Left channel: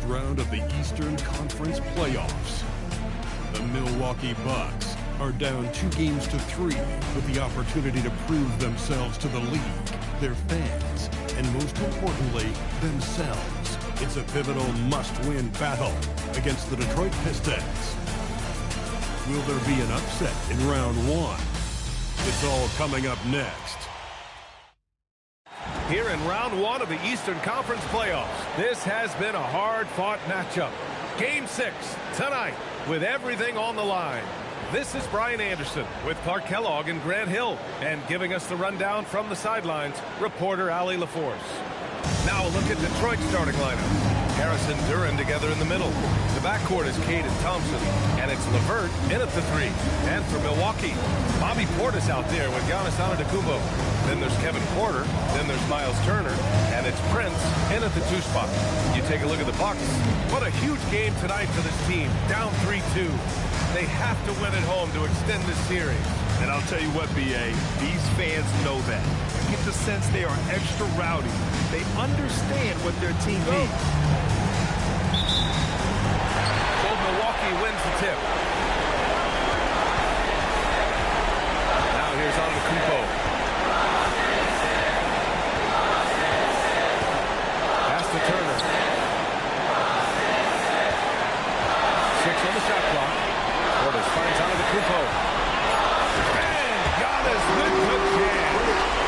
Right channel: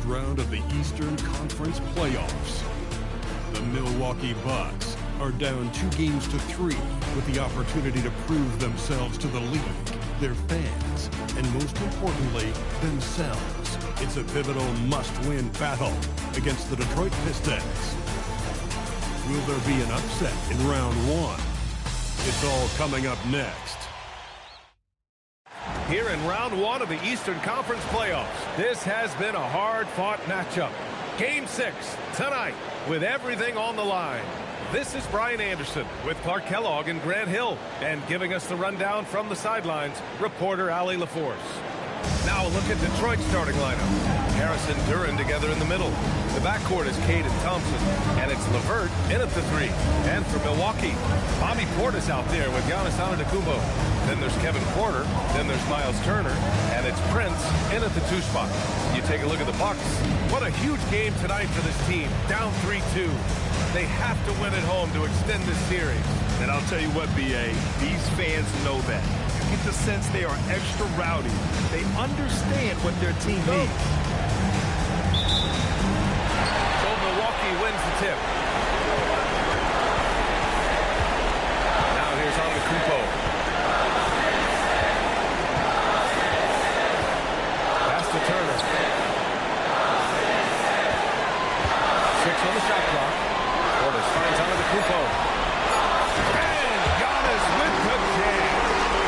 first round of the Eastern Conference playoffs. The Milwaukee Bucks are down 2-3 with the opportunity to prove themselves to the league, their fans, and most importantly, themselves. It's a pivotal must-win battle against the Detroit Pistons. Will there be an upset in round one? It's all coming up next. Here in round one of the Eastern Conference playoffs, this has been a hard-fought matchup. Game 6 tonight with everything on the line. This is Brian Anderson with Clark Kellogg and Grant Hill, and giving us the rundown from the sidelines, reporter Allie LaForce. Now a look at Detroit's starting lineup. Harris and Duren together in the middle. The backcourt is Cade and Thompson, and it's LeVert in at the 3. And for Milwaukee, Bobby Portis out there with Giannis Antetokounmpo. Then there's Kevin Porter, then there's Miles Turner, and it's Prince in at the 2 spot. You take a look at the Bucks. What a huge game tonight for this team, down 3-2. They have to win at home to extend this series. And I'll tell you what, B.A., these fans know that. You get the sense they are extra rowdy. They understand what their team needs. So Milwaukee wins the tip. Now here's Antetokounmpo. Pass to Turner. 6 on the shot clock. Portis finds Antetokounmpo. And Giannis with the jam.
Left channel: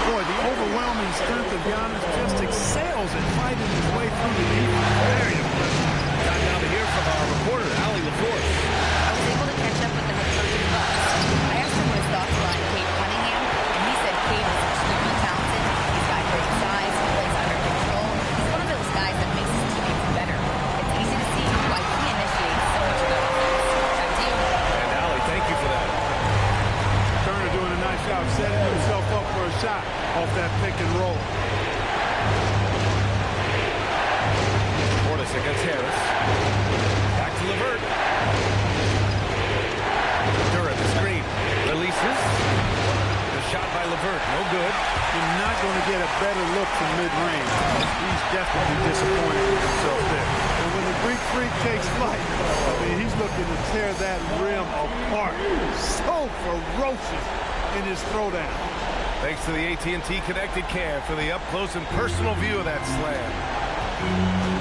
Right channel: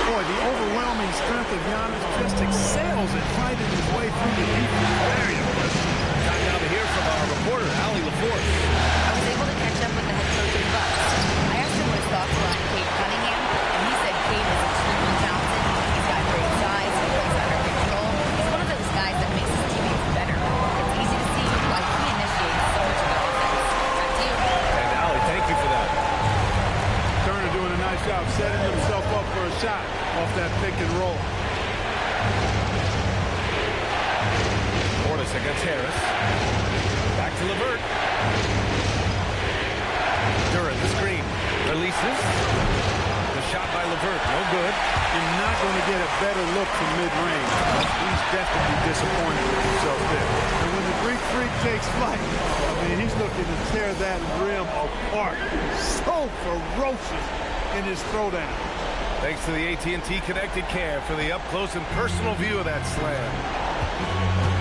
Boy, the overwhelming strength of Giannis just excels at fighting his way through the defense. Very impressive. Time now to hear from our reporter, Allie LaForce. I was able to catch up with the head coach of the Bucks. I asked him what his thoughts were on Cade Cunningham, and he said Cade is extremely talented. He's got great size. He plays under control. He's one of those guys that makes his teammates better. It's easy to see why he initiates so much of their offense. Back to you. And Allie, thank you for that. Turner doing a nice job setting himself up for a shot off that pick and roll. Portis against Harris. Back to LeVert. Duren the screen. Releases. The shot by LeVert. No good. You're not going to get a better look from mid-range. He's definitely disappointed with himself there. And when the Greek Freak takes flight, I mean, he's looking to tear that rim apart. So ferocious in his throwdown. Thanks to the AT&T Connected Cam for the up-close and personal view of that slam.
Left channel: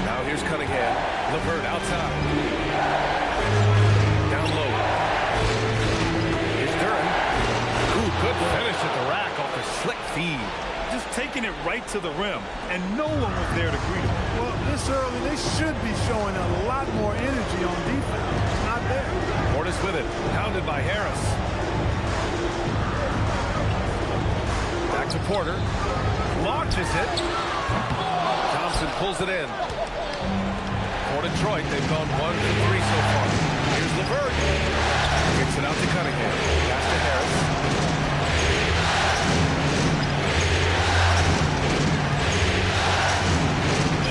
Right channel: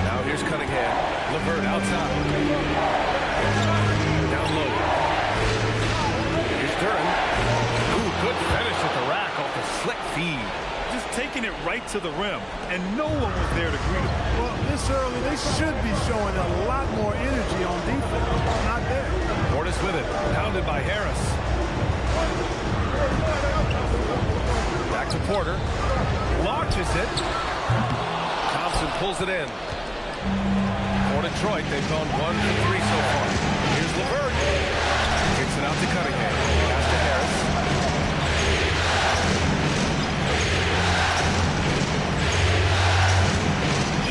Now here's Cunningham. LeVert outside. Down low. Here's Duren. Ooh, good finish at the rack off the slick feed. Just taking it right to the rim, and no one was there to greet him. Well, this early, they should be showing a lot more energy on defense. It's not there. Portis with it. Pounded by Harris. Back to Porter. Launches it. Thompson pulls it in. For Detroit, they've gone 1 for 3 so far. Here's LeVert. Kicks it out to Cunningham. Pass to Harris.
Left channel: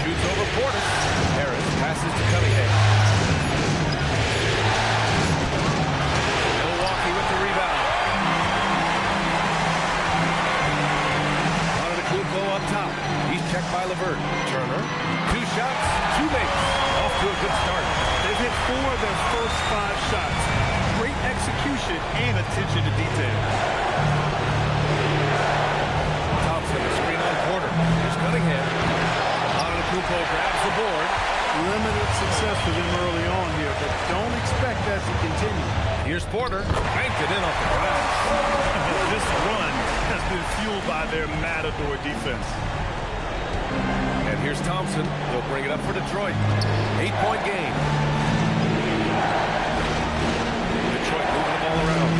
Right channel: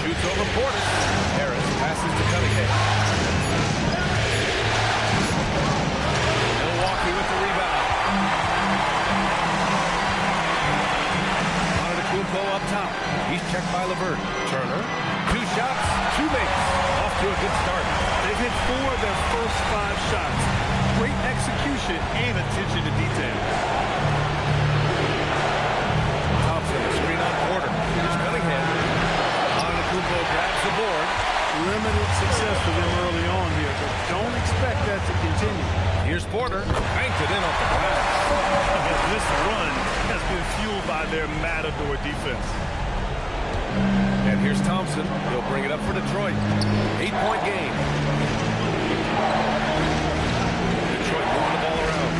Shoots over Portis. Harris passes to Cunningham. Milwaukee with the rebound. Antetokounmpo up top. He's checked by LeVert. Turner. 2 shots, 2 makes. Off to a good start. They've hit 4 of their first 5 shots. Great execution and attention to detail. Thompson, a screen on Porter. Here's Cunningham. Antetokounmpo grabs the board. Limited success for them early on here, but don't expect that to continue. Here's Porter. Banked it in off the glass. This run has been fueled by their matador defense. And here's Thompson. He'll bring it up for Detroit. 8-point game. Detroit moving the ball around.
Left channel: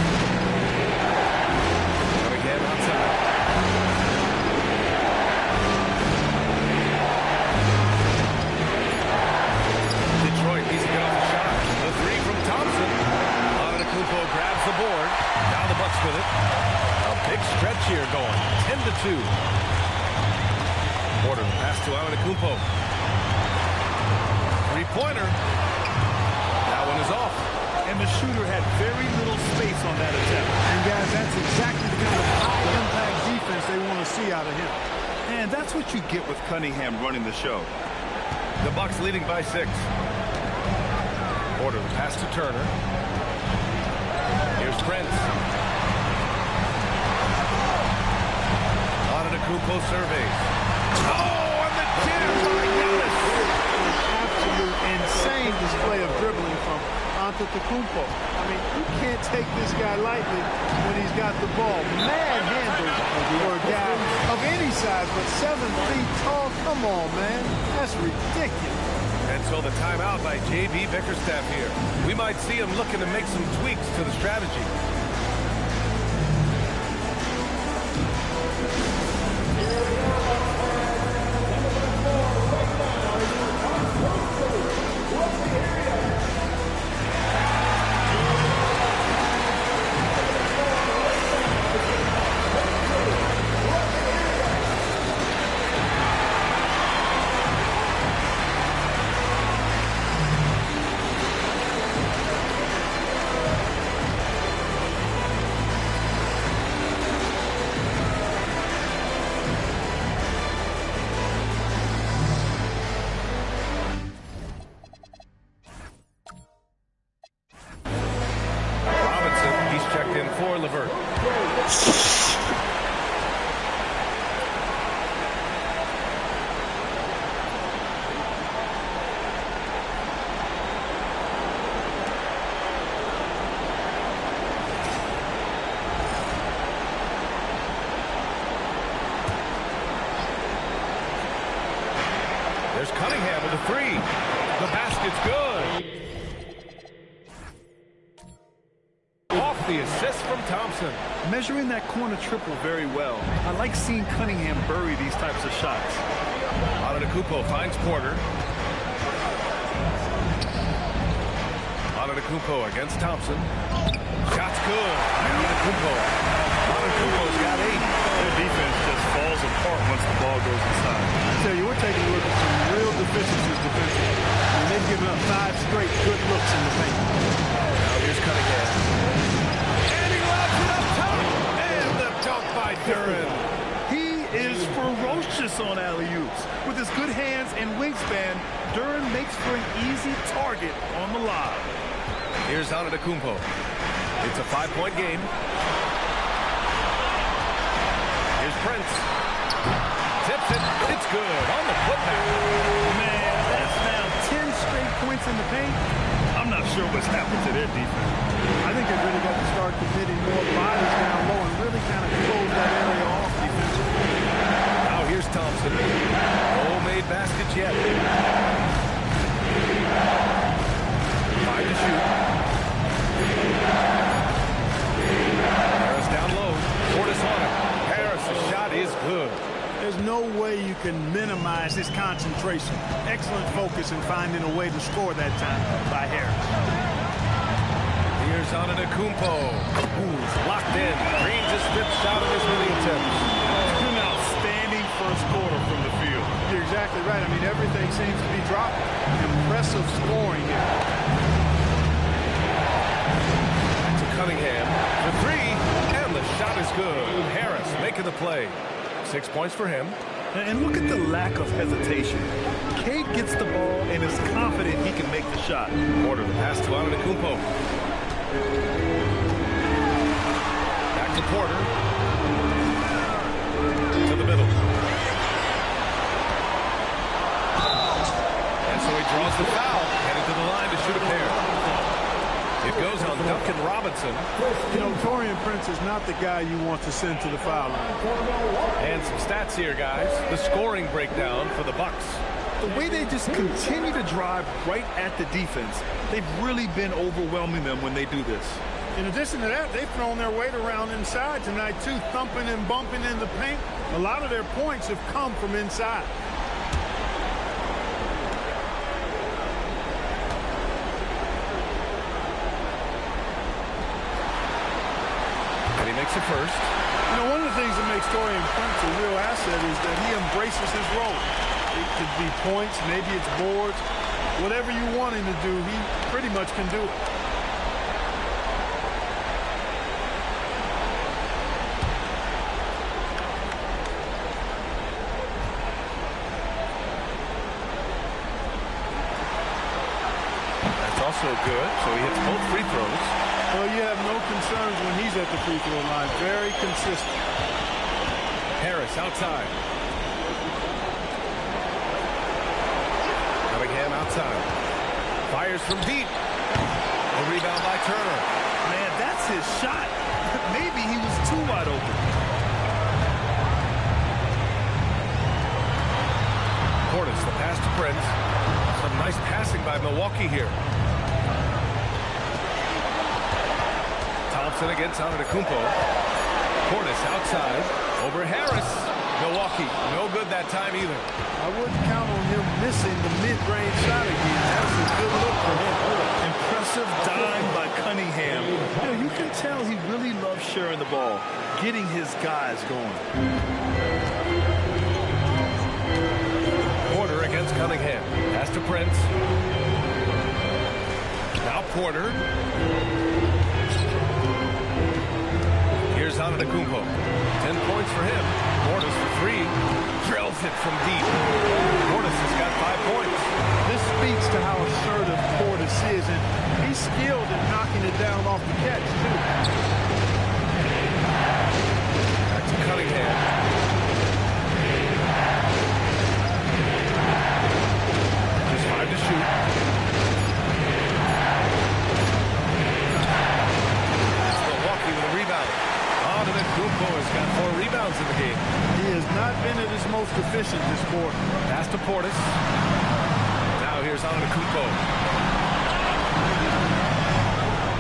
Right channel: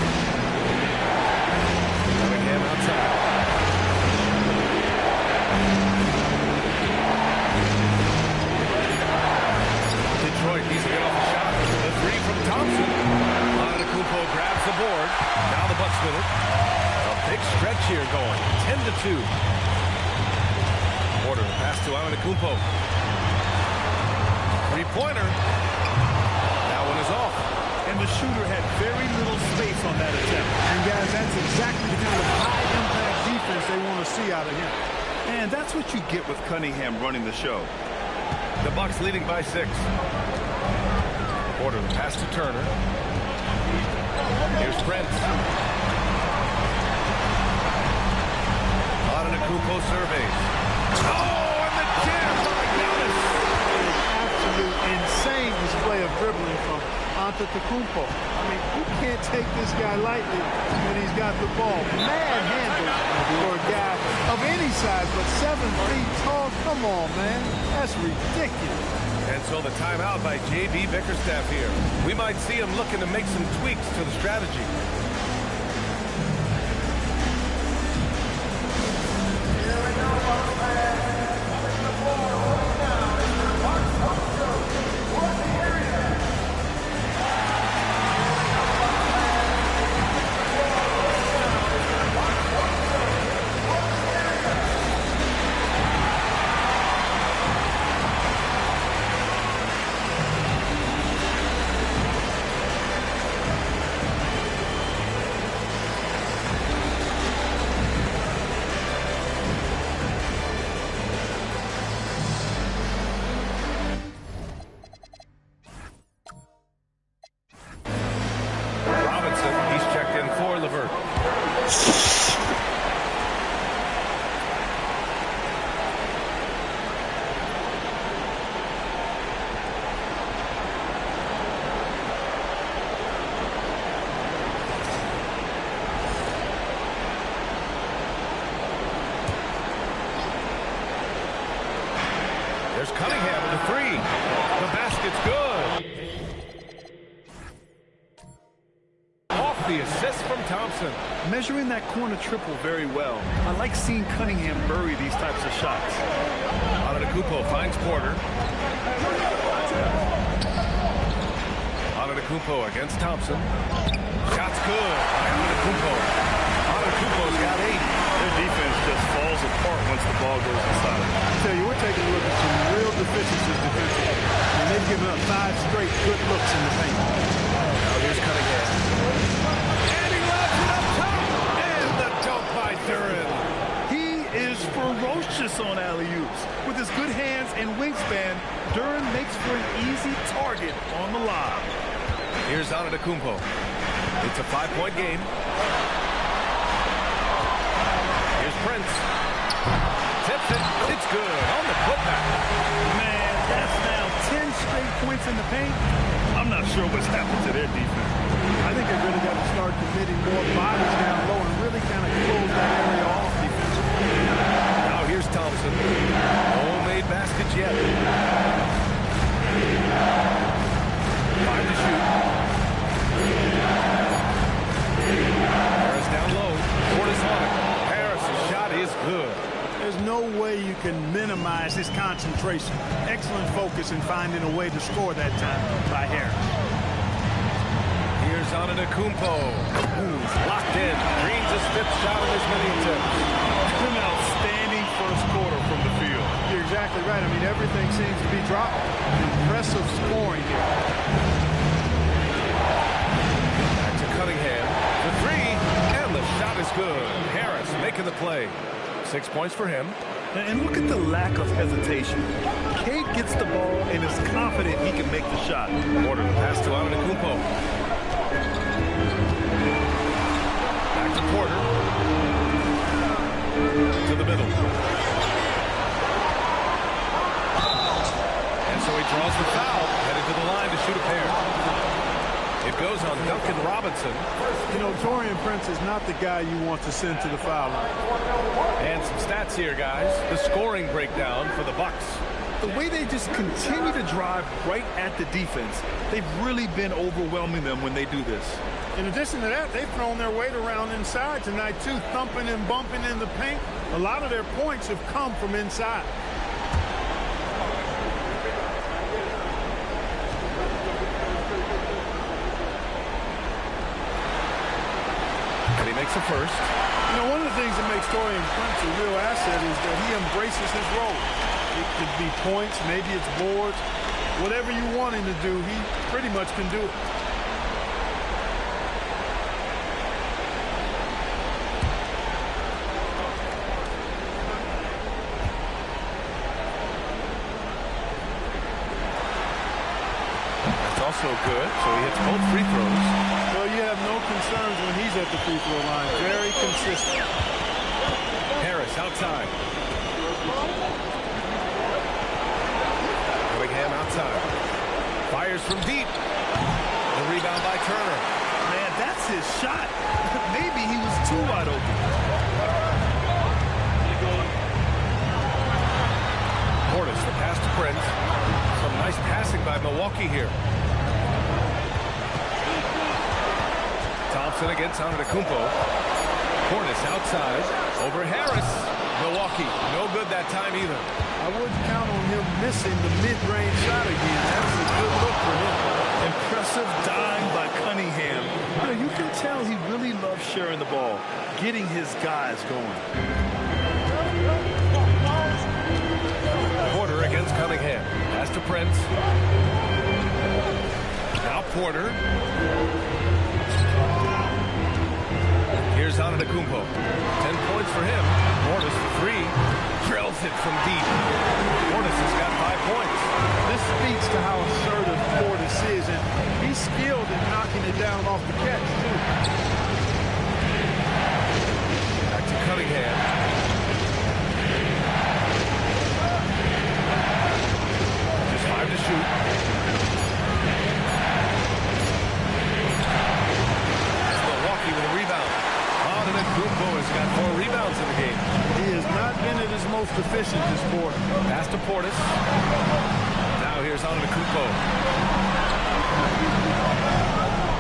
Cunningham outside. Detroit needs to get off the shot. The 3 from Thompson. Antetokounmpo grabs the board. Now the Bucks with it. A big stretch here going. 10-2. Porter the pass to Antetokounmpo. 3-pointer. That one is off. And the shooter had very little space on that attempt. And guys, that's exactly the kind of high-impact defense they want to see out of him. And that's what you get with Cunningham running the show. The Bucks leading by 6. Porter, the pass to Turner. Here's Prince. Antetokounmpo surveys. Oh, and the jam by Giannis. An absolute insane display of dribbling from Antetokounmpo. I mean, you can't take this guy lightly when he's got the ball. Mad handles for a guy of any size, but 7 feet tall. Come on, man. That's ridiculous. And so the timeout by J.B. Bickerstaff here. We might see him looking to make some tweaks to the strategy. He's checked in for Levert. There's Cunningham with a 3. The basket's good. The assist from Thompson. Measuring that corner triple very well. I like seeing Cunningham bury these types of shots. Antetokounmpo finds Porter. Antetokounmpo against Thompson. Shot's good by Antetokounmpo. Antetokounmpo's got 8. Their defense just falls apart once the ball goes inside. I tell you, we're taking a look at some real deficiencies defensively. And they've given up 5 straight good looks in the paint. Now here's Cunningham. Dunk by Duran. He is ferocious on alley-oops. With his good hands and wingspan, Duran makes for an easy target on the lob. Here's Antetokounmpo. It's a 5-point game. Here's Prince. Tips it. It's good on the putback. Man, that's now 10 straight points in the paint. I'm not sure what's happened to their defense. I think they really got to start committing more bodies down low and really kind of close that area off defensively. Now here's Thompson. No made baskets yet. 5 to shoot. Harris down low. Portis on it. Harris's shot is good. There's no way you can minimize his concentration. Excellent focus in finding a way to score that time by Harris. Here's Antetokounmpo. Ooh, he's locked in. Green's his 5th shot in as many attempts. An outstanding first quarter from the field. You're exactly right. I mean, everything seems to be dropping. Impressive scoring here. Back to Cunningham. The 3, and the shot is good. Harris making the play. 6 points for him. And look at the lack of hesitation. Cade gets the ball and is confident he can make the shot. Porter, the pass to Antetokounmpo. Back to Porter. To the middle. And so he draws the foul, headed to the line to shoot a pair. It goes on Duncan Robinson. You know, Taurean Prince is not the guy you want to send to the foul line. And some stats here, guys. The scoring breakdown for the Bucks. The way they just continue to drive right at the defense, they've really been overwhelming them when they do this. In addition to that, they've thrown their weight around inside tonight, too, thumping and bumping in the paint. A lot of their points have come from inside. And he makes a first. You know, one of the things that makes Taurean Prince a real asset is that he embraces his role. It could be points, maybe it's boards. Whatever you want him to do, he pretty much can do it. also good, so he hits both free throws. Well, you have no concerns when he's at the free throw line. Very consistent. Harris outside. Cunningham outside. Fires from deep. The rebound by Turner. Man, that's his shot. Maybe he was too wide open. Portis, the pass to Prince. Some nice passing by Milwaukee here. Thompson against Antetokounmpo. Portis outside. Over Harris. Milwaukee, no good that time either. I wouldn't count on him missing the mid-range shot again. That's a good look for him. Impressive dime by Cunningham. You know, you can tell he really loves sharing the ball, getting his guys going. Porter against Cunningham. Pass to Prince. Now Porter. Here's Antetokounmpo. 10 points for him. Portis for 3. Drills it from deep. Portis has got 5 points. This speaks to how assertive Portis is, and he's skilled in knocking it down off the catch, too. Back to Cunningham. Just 5 to shoot. It's Milwaukee with a rebound. Antetokounmpo has got 4 rebounds in the game. He has not been at his most efficient this quarter. Pass to Portis. Now here's Antetokounmpo.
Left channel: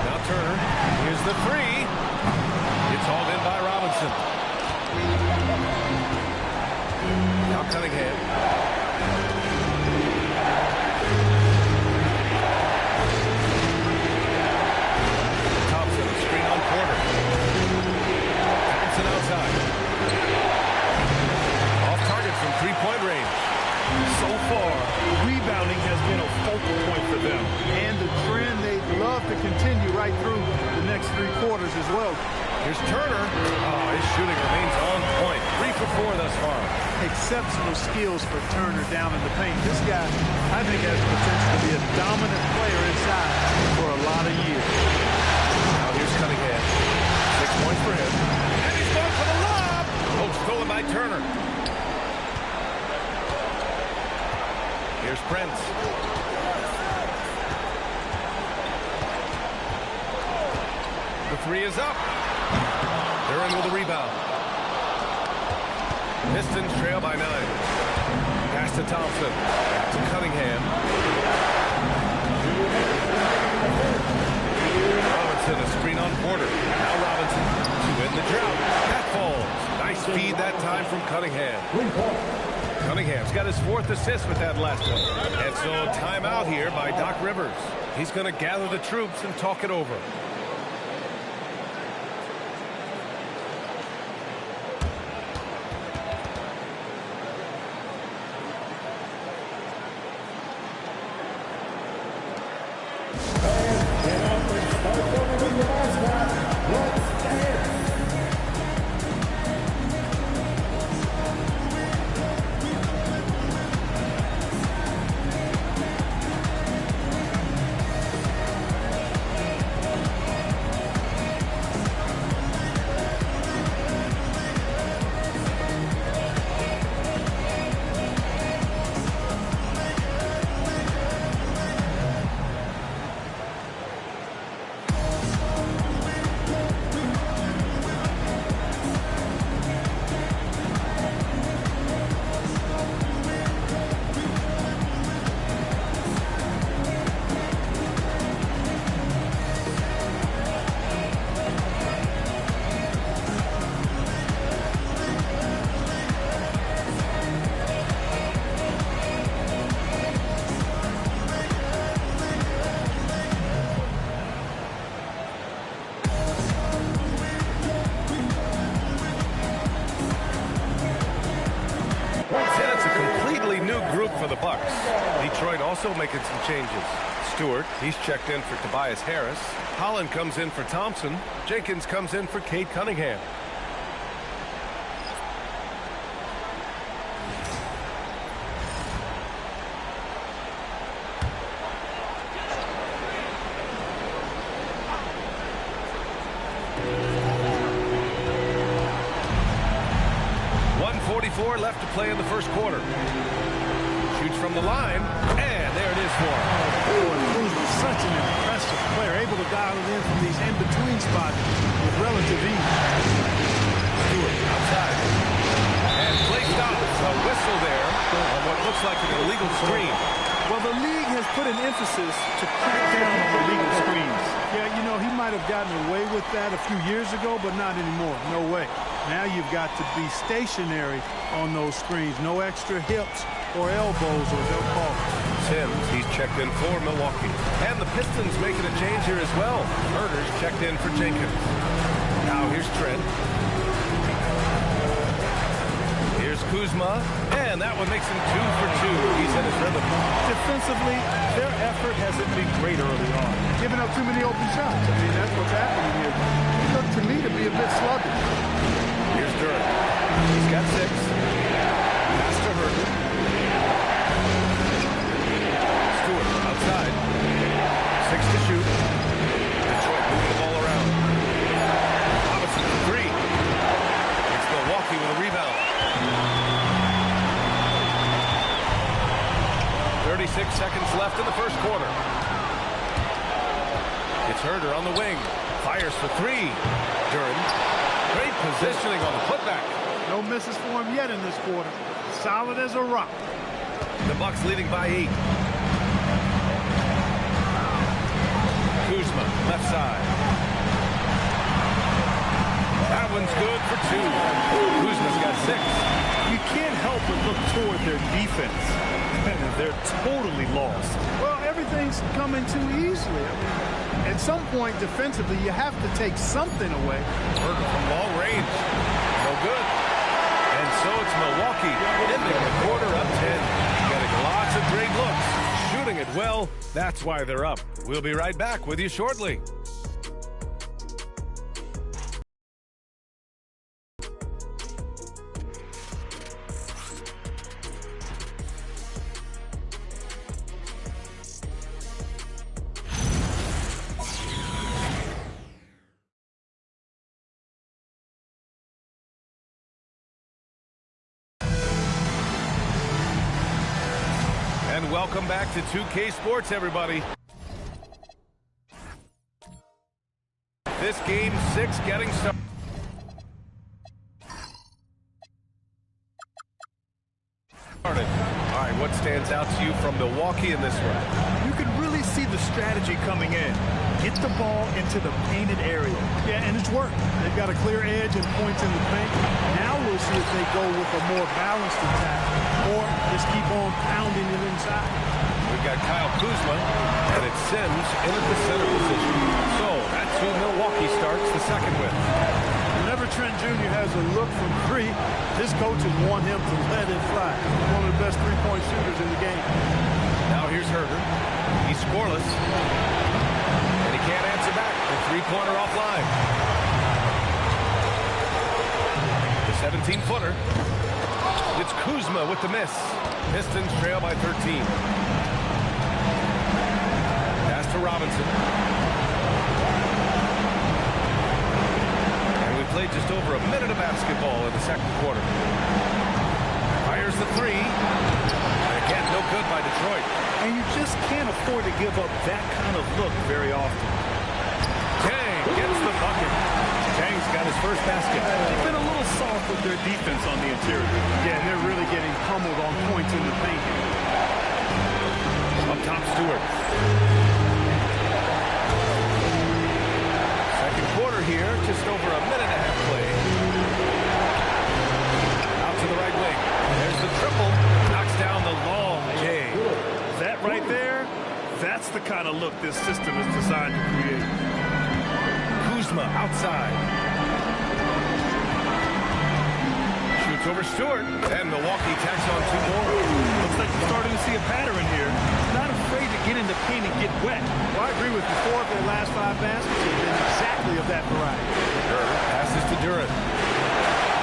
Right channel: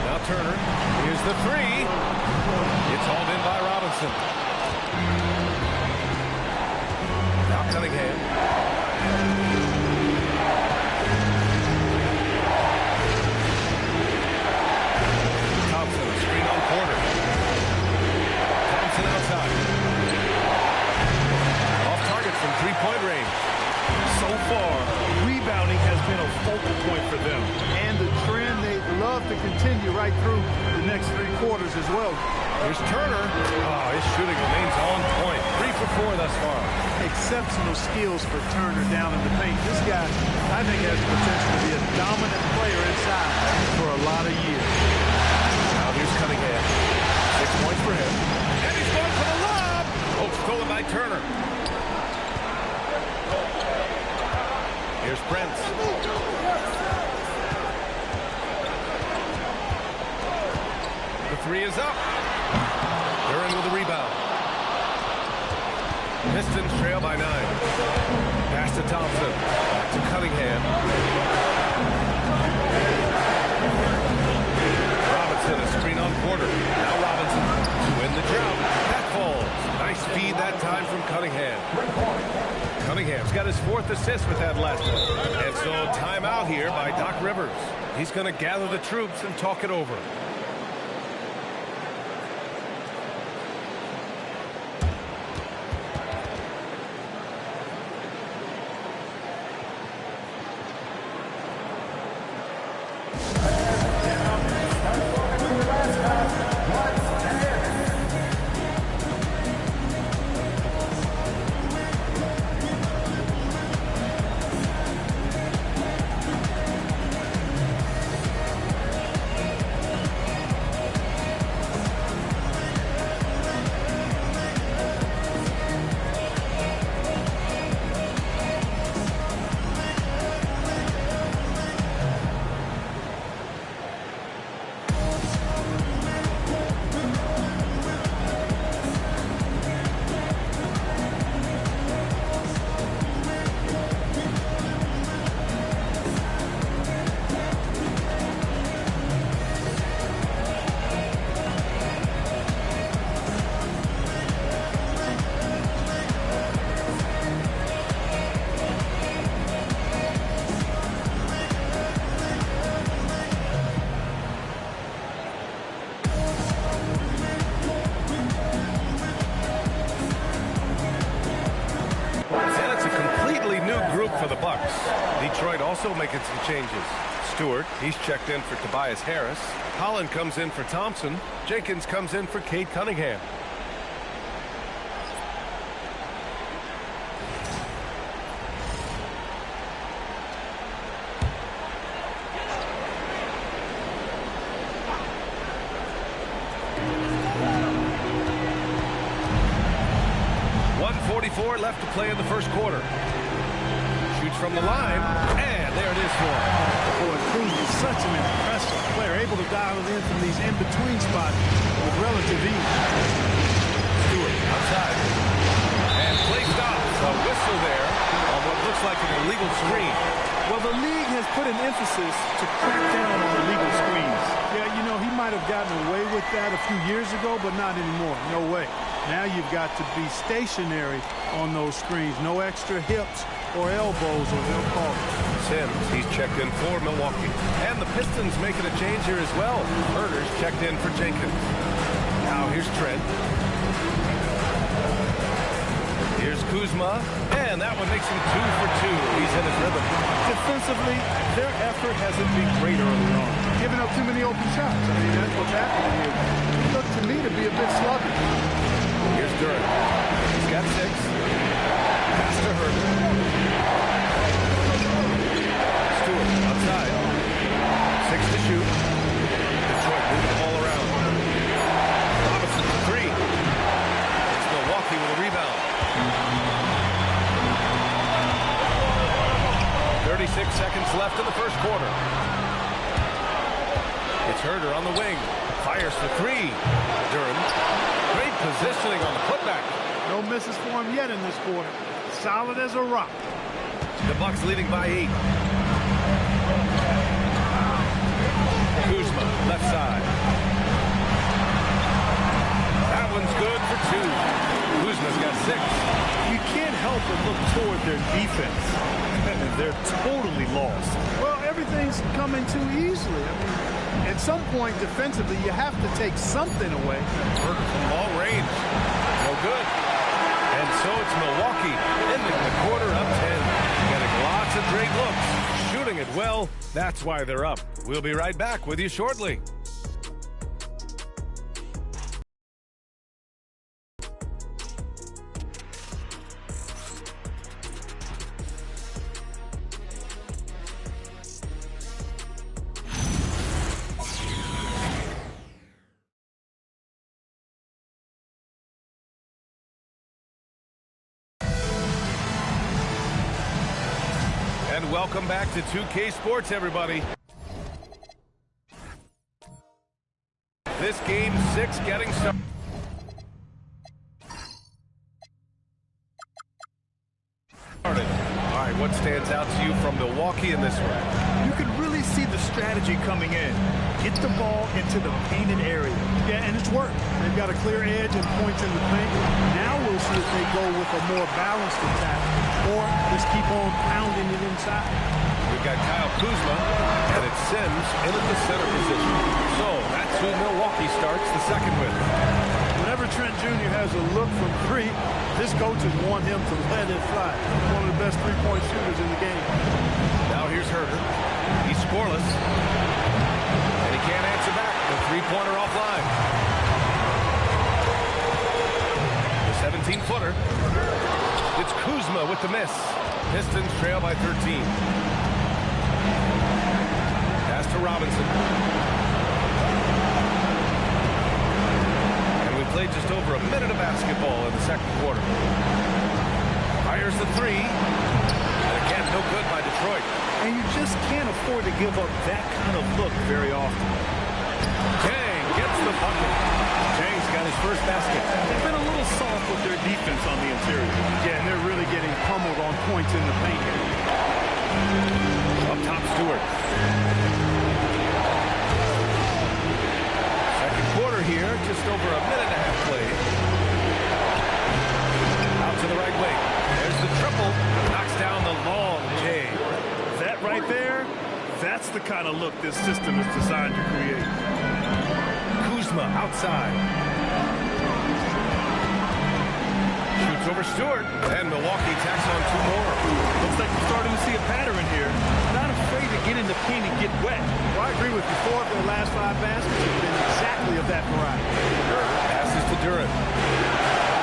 Now Turner. Here's the 3. It's hauled in by Robinson. Now Cunningham. Thompson, a screen on Porter. Outside. Off target from three-point range. So far, rebounding has been a focal point for them. And the trend they'd love to continue right through the next 3 quarters as well. Here's Turner. Oh, his shooting remains on point. 3 for 4 thus far. Exceptional skills for Turner down in the paint. This guy, I think, has the potential to be a dominant player inside for a lot of years. Now here's Cunningham. 6 points for him. And he's going for the lob. Oh, stolen by Turner. Here's Prince. The 3 is up. They're in with a rebound. Pistons trail by 9. Pass to Thompson. Back to Cunningham. Robinson, a screen on Porter. Now Robinson to win the drought. That falls. Nice feed that time from Cunningham. Cunningham's got his 4th assist with that last one. And so timeout here by Doc Rivers. He's going to gather the troops and talk it over. For the Bucks. Detroit also making some changes. Stewart, he's checked in for Tobias Harris. Holland comes in for Thompson. Jenkins comes in for Cade Cunningham. 1:44 left to play in the first quarter. Shoots from the line, and there it is for him. Boy, Cruz was such an impressive player, able to dial it in from these in-between spots with relative ease. Stewart outside. And play stops. A whistle there on what looks like an illegal screen. Well, the league has put an emphasis to crack down on illegal screens. Yeah, you know, he might have gotten away with that a few years ago, but not anymore. No way. Now you've got to be stationary on those screens. No extra hips or elbows, or they'll call it. Sims, he's checked in for Milwaukee. And the Pistons making a change here as well. Herder's checked in for Jenkins. Now here's Trent. Here's Kuzma, and that one makes him 2 for 2. He's in his rhythm. Defensively, their effort hasn't been great early on. Giving up too many open shots. I mean, that's what's happening here. He looked to me to be a bit sluggish. Here's Durant. He's got 6. Pass to Herder. Stewart outside. 6 to shoot. Detroit moving the ball around. Robinson for 3. It's Milwaukee with a rebound. 36 seconds left in the first quarter. It's Herder on the wing. Fires for 3. Durant. Great positioning on the putback. No misses for him yet in this quarter. Solid as a rock. The Bucks leading by 8. Kuzma, left side. That one's good for 2. Kuzma's got 6. You can't help but look toward their defense. They're totally lost. Well, everything's coming too easily. I mean, at some point defensively, you have to take something away. Herder from long range. No good. And so it's Milwaukee ending the quarter up 10. Getting lots of great looks. Shooting it well. That's why they're up. We'll be right back with you shortly. And welcome back to 2K Sports, everybody. This game 6 getting started. All right, what stands out to you from Milwaukee in this one? You can really see the strategy coming in. Get the ball into the painted area. Yeah, and it's worked. They've got a clear edge and points in the paint. Now we'll see if they go with a more balanced attack or just keep on pounding it inside. We've got Kyle Kuzma, and it's Sims in at the center position. So that's who Milwaukee starts the second with. Whenever Trent Jr. has a look from 3, his coaches want him to let it fly. One of the best three-point shooters in the game. Now here's Herder. He's scoreless. And he can't answer back. The three-pointer offline. The 17-footer. It's Kuzma with the miss. Pistons trail by 13. Pass to Robinson. And we played just over a minute of basketball in the second quarter. Fires the 3. And again, no good by Detroit. And you just can't afford to give up that kind of look very often. Tang gets the bucket. Tang's got his first basket. They've been a little soft with their defense on the interior. Yeah, and they're really getting pummeled on points in the paint. Up top, Stewart. Second quarter here, just over a minute and a half played. Out to the right wing. There's the triple. Knocks down the long J. That right there, that's the kind of look this system is designed to create. Kuzma outside. Shoots over Stewart. And Milwaukee tacks on 2 more. Looks like we're starting to see a pattern here. Not afraid to get in the paint and get wet. Well, I agree with you. 4 of their last 5 baskets have been exactly of that variety. Passes to Durant.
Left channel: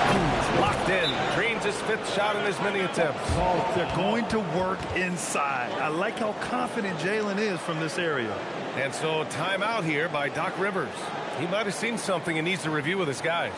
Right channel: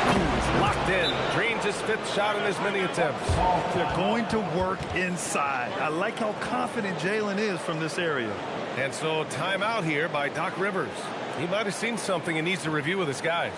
He's locked in. Drains his 5th shot in as many attempts. They're going to work inside. I like how confident Jalen is from this area. And so timeout here by Doc Rivers. He might have seen something and needs to review with his guys.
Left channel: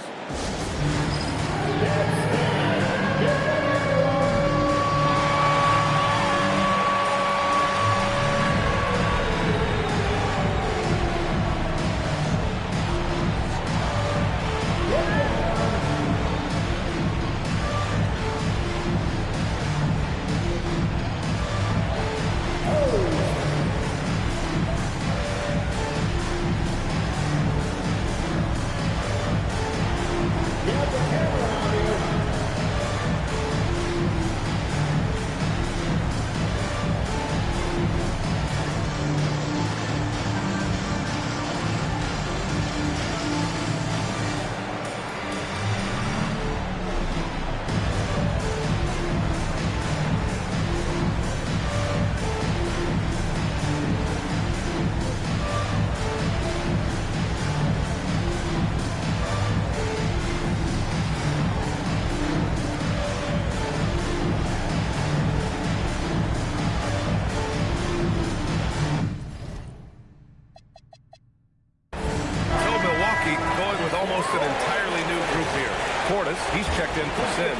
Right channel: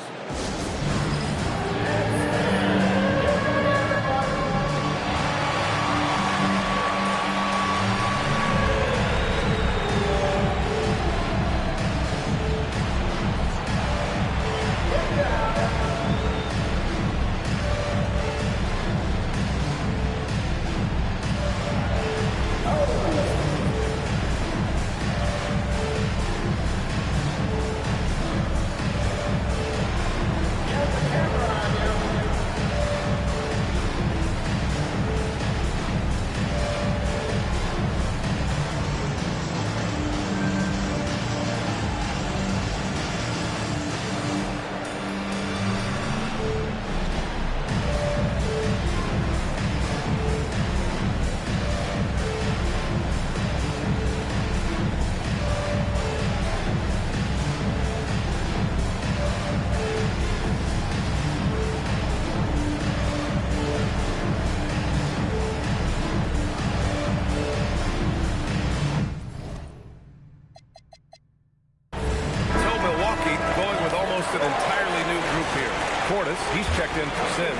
Milwaukee going with almost an entirely new group here. Portis, he's checked in for Sims.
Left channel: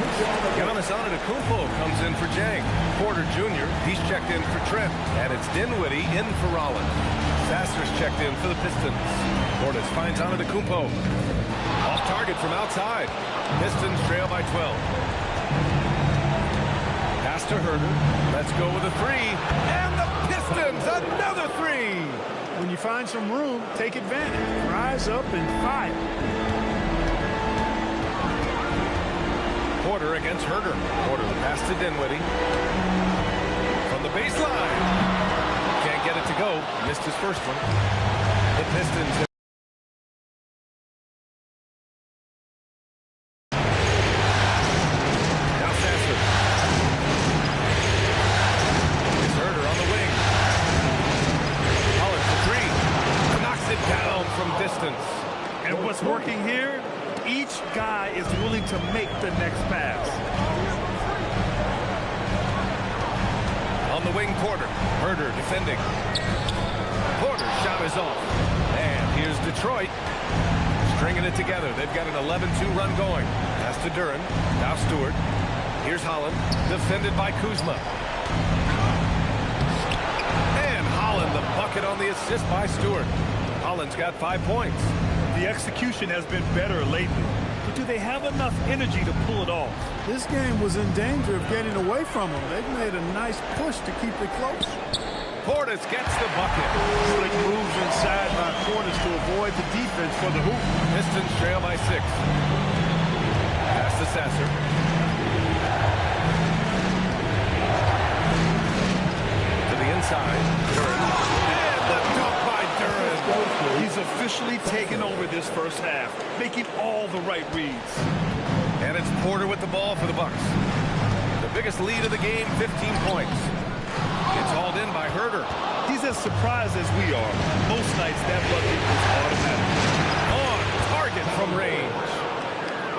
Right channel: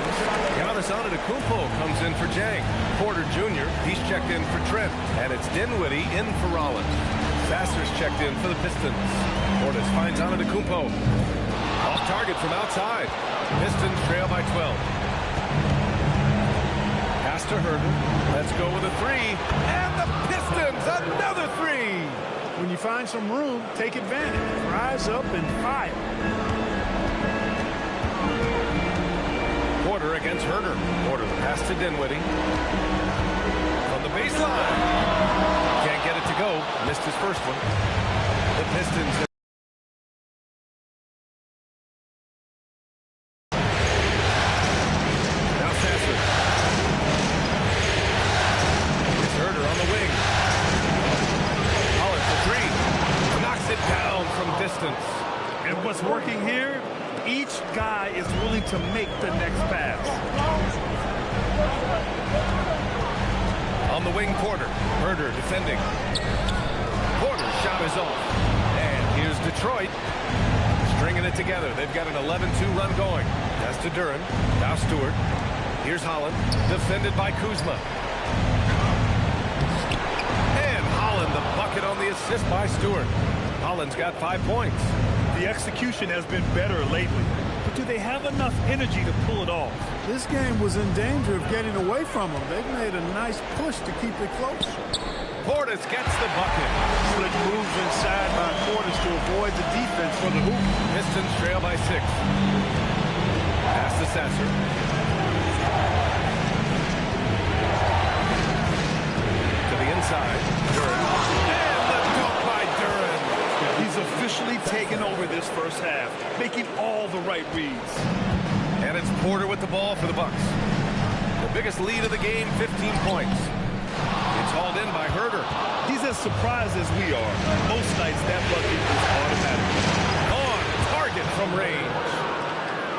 Giannis Antetokounmpo comes in for Jang. Porter Jr., he's checked in for Trent. And it's Dinwiddie in for Rollins. Sasser's checked in for the Pistons. Portis finds Antetokounmpo. Off target from outside. Pistons trail by 12. Pass to Herder. Let's go with a three. And the Pistons, another three. When you find some room, take advantage. Rise up and fire. Porter against Herder. Porter, the pass to Dinwiddie. From the baseline. Can't get it to go. Missed his first one. The Pistons. Now Sasser. It's Herder on the wing. Holland for three. Knocks it down from distance. And what's working here? Each guy is willing to make the next pass. On the wing, Porter. Herder defending. Porter's shot is off. And here's Detroit. Stringing it together. They've got an 11-2 run going. Pass to Duren. Now Stewart. Here's Holland. Defended by Kuzma. And Holland, the bucket on the assist by Stewart. Holland's got 5 points. The execution has been better lately, but do they have enough energy to pull it off? This game was in danger of getting away from them. They've made a nice push to keep it close. Portis gets the bucket. Slick moves inside by Portis to avoid the defense for the hoop. Pistons trail by 6. Pass to Sasser. To the inside. Duren. And the dunk by Duren. He's officially taken over this first half, making all the right reads. And it's Porter with the ball for the Bucks. The biggest lead of the game, 15 points. It's hauled in by Herder. He's as surprised as we are. Most nights that bucket is automatic. On target from range.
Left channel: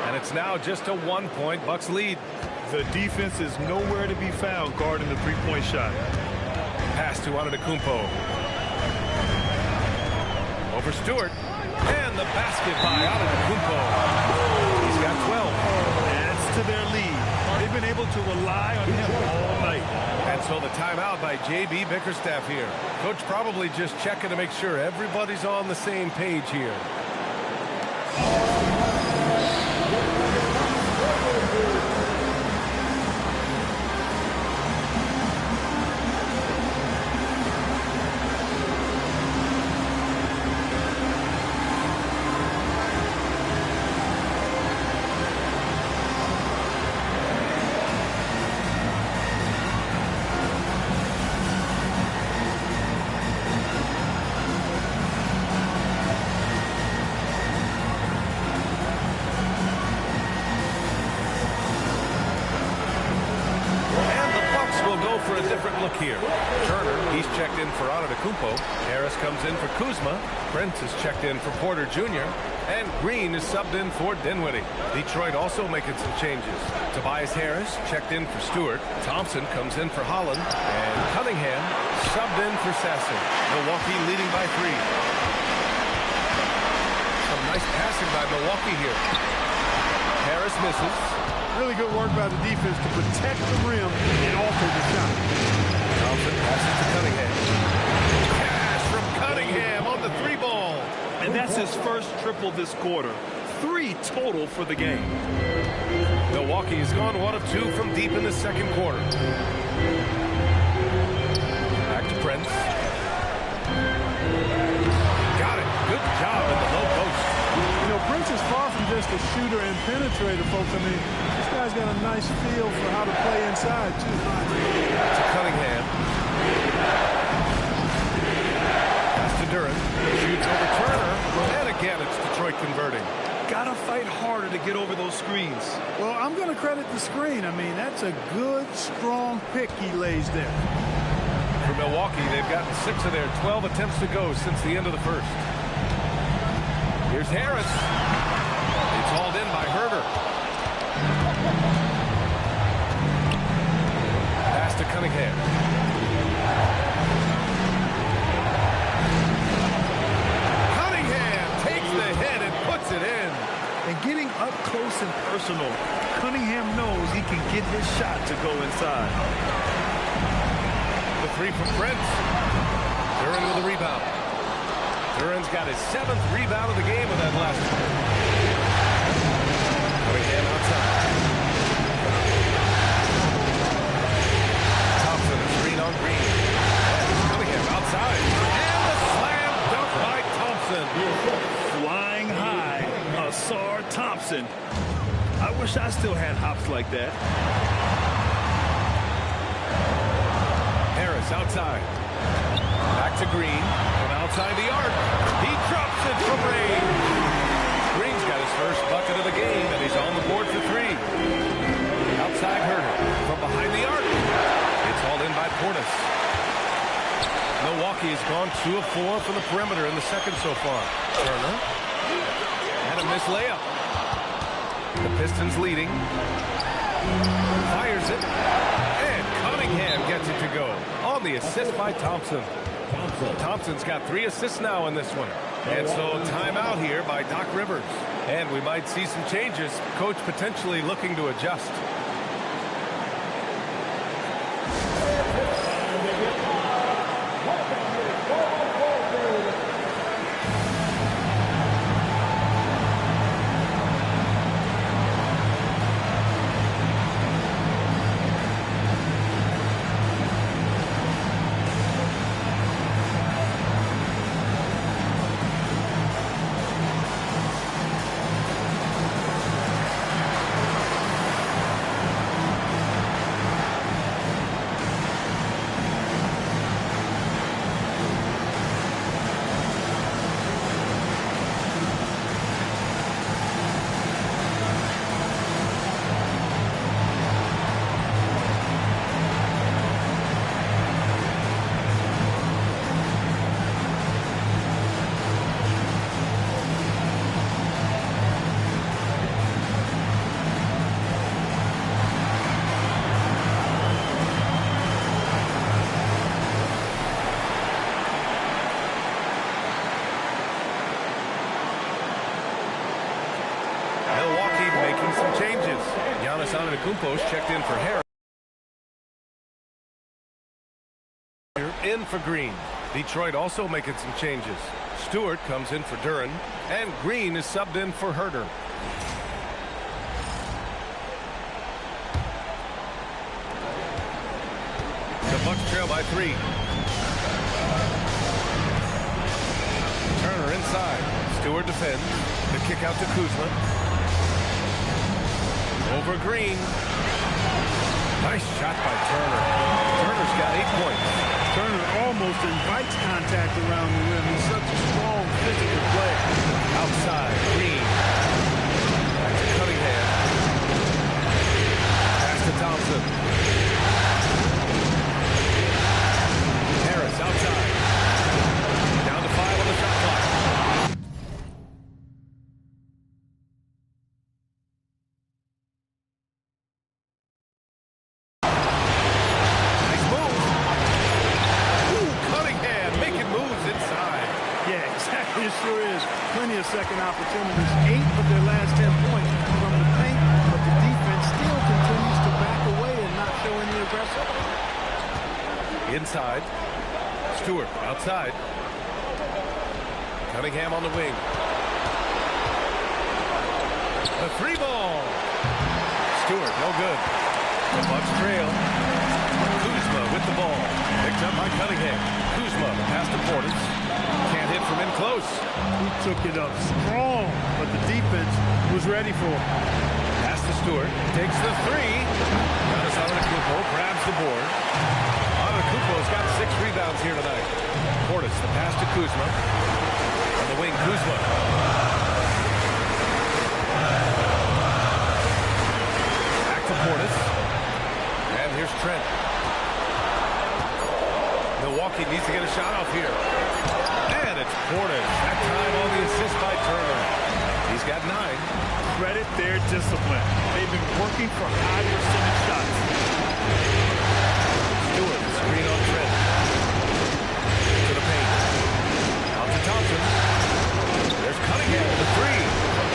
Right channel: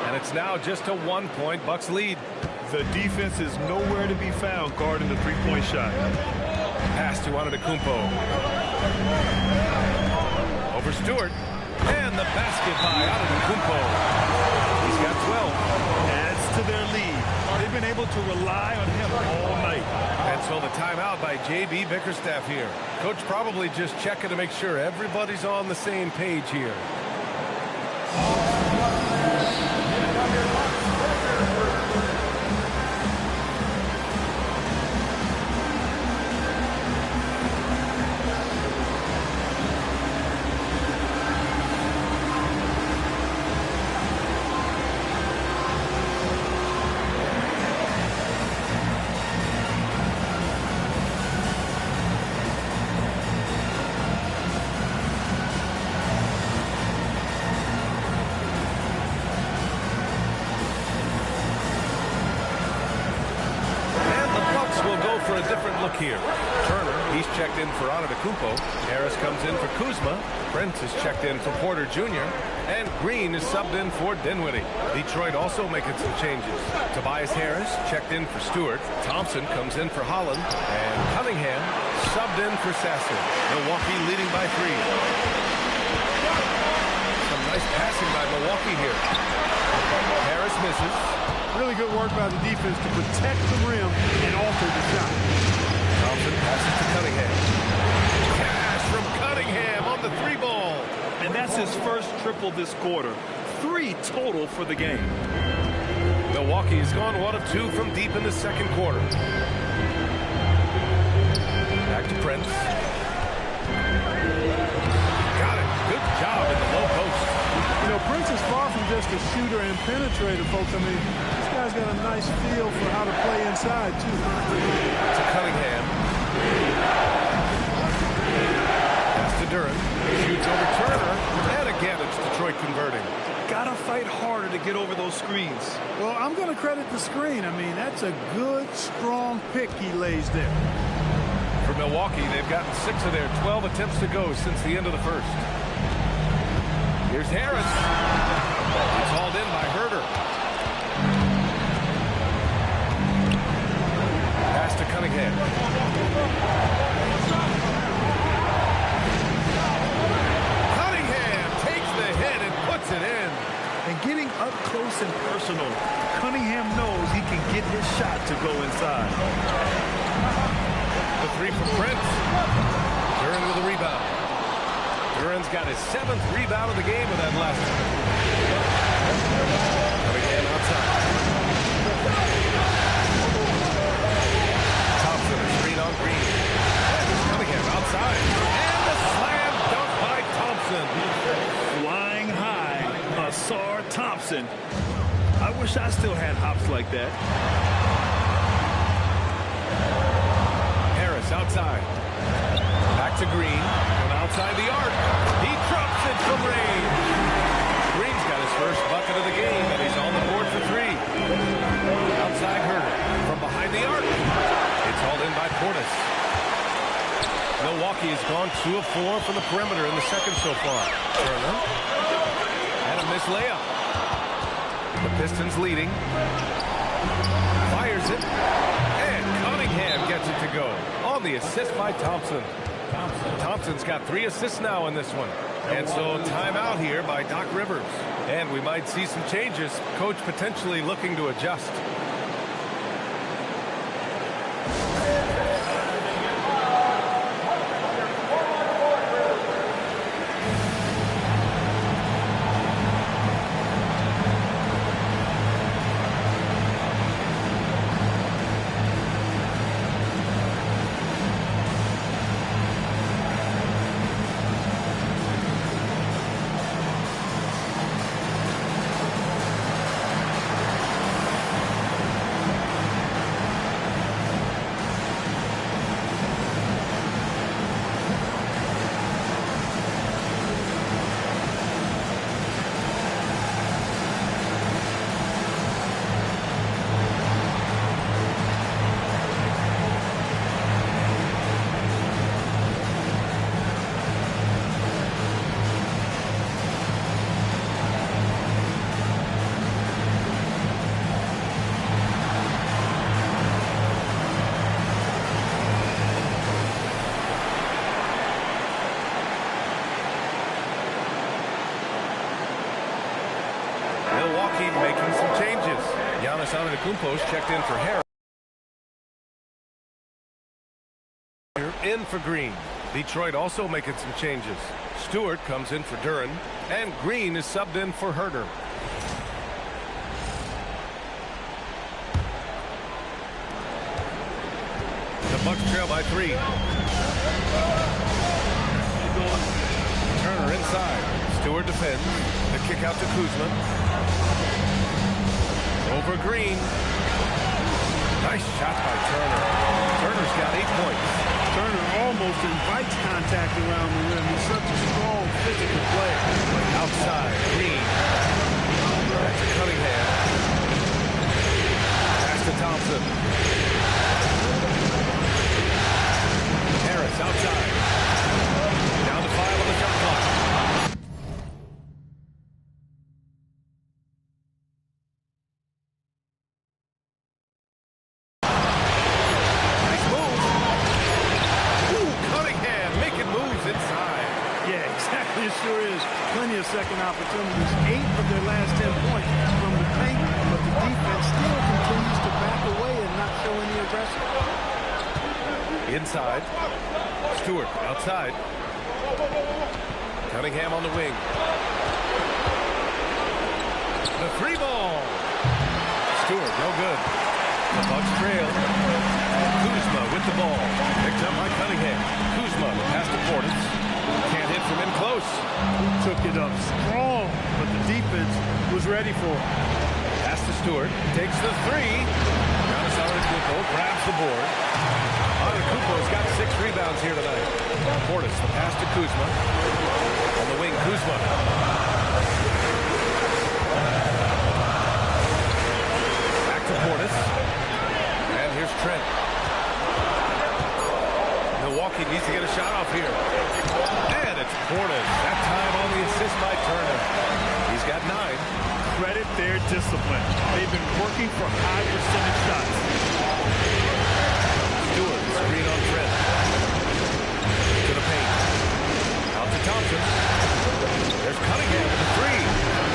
And it's now just a 1-point Bucks lead. The defense is nowhere to be found guarding the three-point shot. Pass to Antetokounmpo. Over Stewart. And the basket by Antetokounmpo. He's got 12. Adds to their lead. They've been able to rely on him all night. And so the timeout by J.B. Bickerstaff here. Coach probably just checking to make sure everybody's on the same page here. Will go for a different look here. Turner, he's checked in for Antetokounmpo. Harris comes in for Kuzma. Brent is checked in for Porter Jr. And Green is subbed in for Dinwiddie. Detroit also making some changes. Tobias Harris checked in for Stewart. Thompson comes in for Holland. And Cunningham subbed in for Sasser. Milwaukee leading by 3. Some nice passing by Milwaukee here. Harris misses. Really good work by the defense to protect the rim and alter the shot. Thompson passes to Cunningham. Cash from Cunningham on the 3-ball. And that's his first triple this quarter. 3 total for the game. Milwaukee has gone 1 of 2 from deep in the second quarter. Back to Prince. Got it. Good job in the low post. You know, Prince is far from just a shooter and penetrator, folks. I mean, this guy's got a nice feel for how to play inside, too. To Cunningham. Pass to Duren. Shoots over Turner. And again, it's Detroit converting. Gotta fight harder to get over those screens. Well, I'm going to credit the screen. I mean, that's a good, strong pick he lays there. For Milwaukee, they've gotten 6 of their 12 attempts to go since the end of the first. Here's Harris. It's hauled in by Herder. Pass to Cunningham. Cunningham takes the hit banks it in. And getting up close and personal, Cunningham knows he can get his shot to go inside. The three from Prince. Duren with a rebound. Duren's got his 7th rebound of the game with that last one. Cunningham outside. Thompson is screen on Green. And Cunningham outside. And the slam dunk by Thompson. Flying high, Asar Thompson. I wish I still had hops like that. Harris outside. Back to Green from outside the arc. He drops it from range. Green's got his first bucket of the game, and he's on the board for 3. Outside Herder from behind the arc. It's hauled in by Portis. Milwaukee has gone 2 of 4 from the perimeter in the second so far. Turner. And a missed layup. The Pistons leading. Fires it. And Cunningham gets it to go on the assist by Thompson. Thompson's got 3 assists now in this one. And so timeout here by Doc Rivers. And we might see some changes. Coach potentially looking to adjust. Milwaukee making some changes. Giannis Antetokounmpo's checked in for Harris. In for Green. Detroit also making some changes. Stewart comes in for Duren, and Green is subbed in for Herder. The Bucks trail by 3. Turner inside. Stewart defends. The kick out to Kuzma. Over Green. Nice shot by Turner. Turner's got 8 points. Turner almost invites contact around the rim. He's such a strong physical player. Outside, Green. Back to Cunningham. Pass to Thompson. Harris outside. Down to 5 on the shot clock. It sure is. Plenty of second opportunities. 8 of their last 10 points from the paint, but the defense still continues to back away and not show any aggression. Inside. Stewart outside. Cunningham on the wing. The 3 ball. Stewart, no good. The Bucks trail. Kuzma with the ball. Picked up by Cunningham. Kuzma, the pass to Portis. Can't hit from in close. He took it up strong, but the defense was ready for it. Pass to Stewart. Takes the 3. Giannis Antetokounmpo grabs the board. Antetokounmpo's got 6 rebounds here tonight. Portis, the pass to Kuzma. On the wing, Kuzma. Back to Portis. And here's Trent. Milwaukee needs to get a shot off here. And it's Portis. That time on the assist by Turner. He's got 9. Credit their discipline. They've been working for high percentage shots. Stewart, screen on Trent. To the paint. Out to Thompson. There's Cunningham with the 3.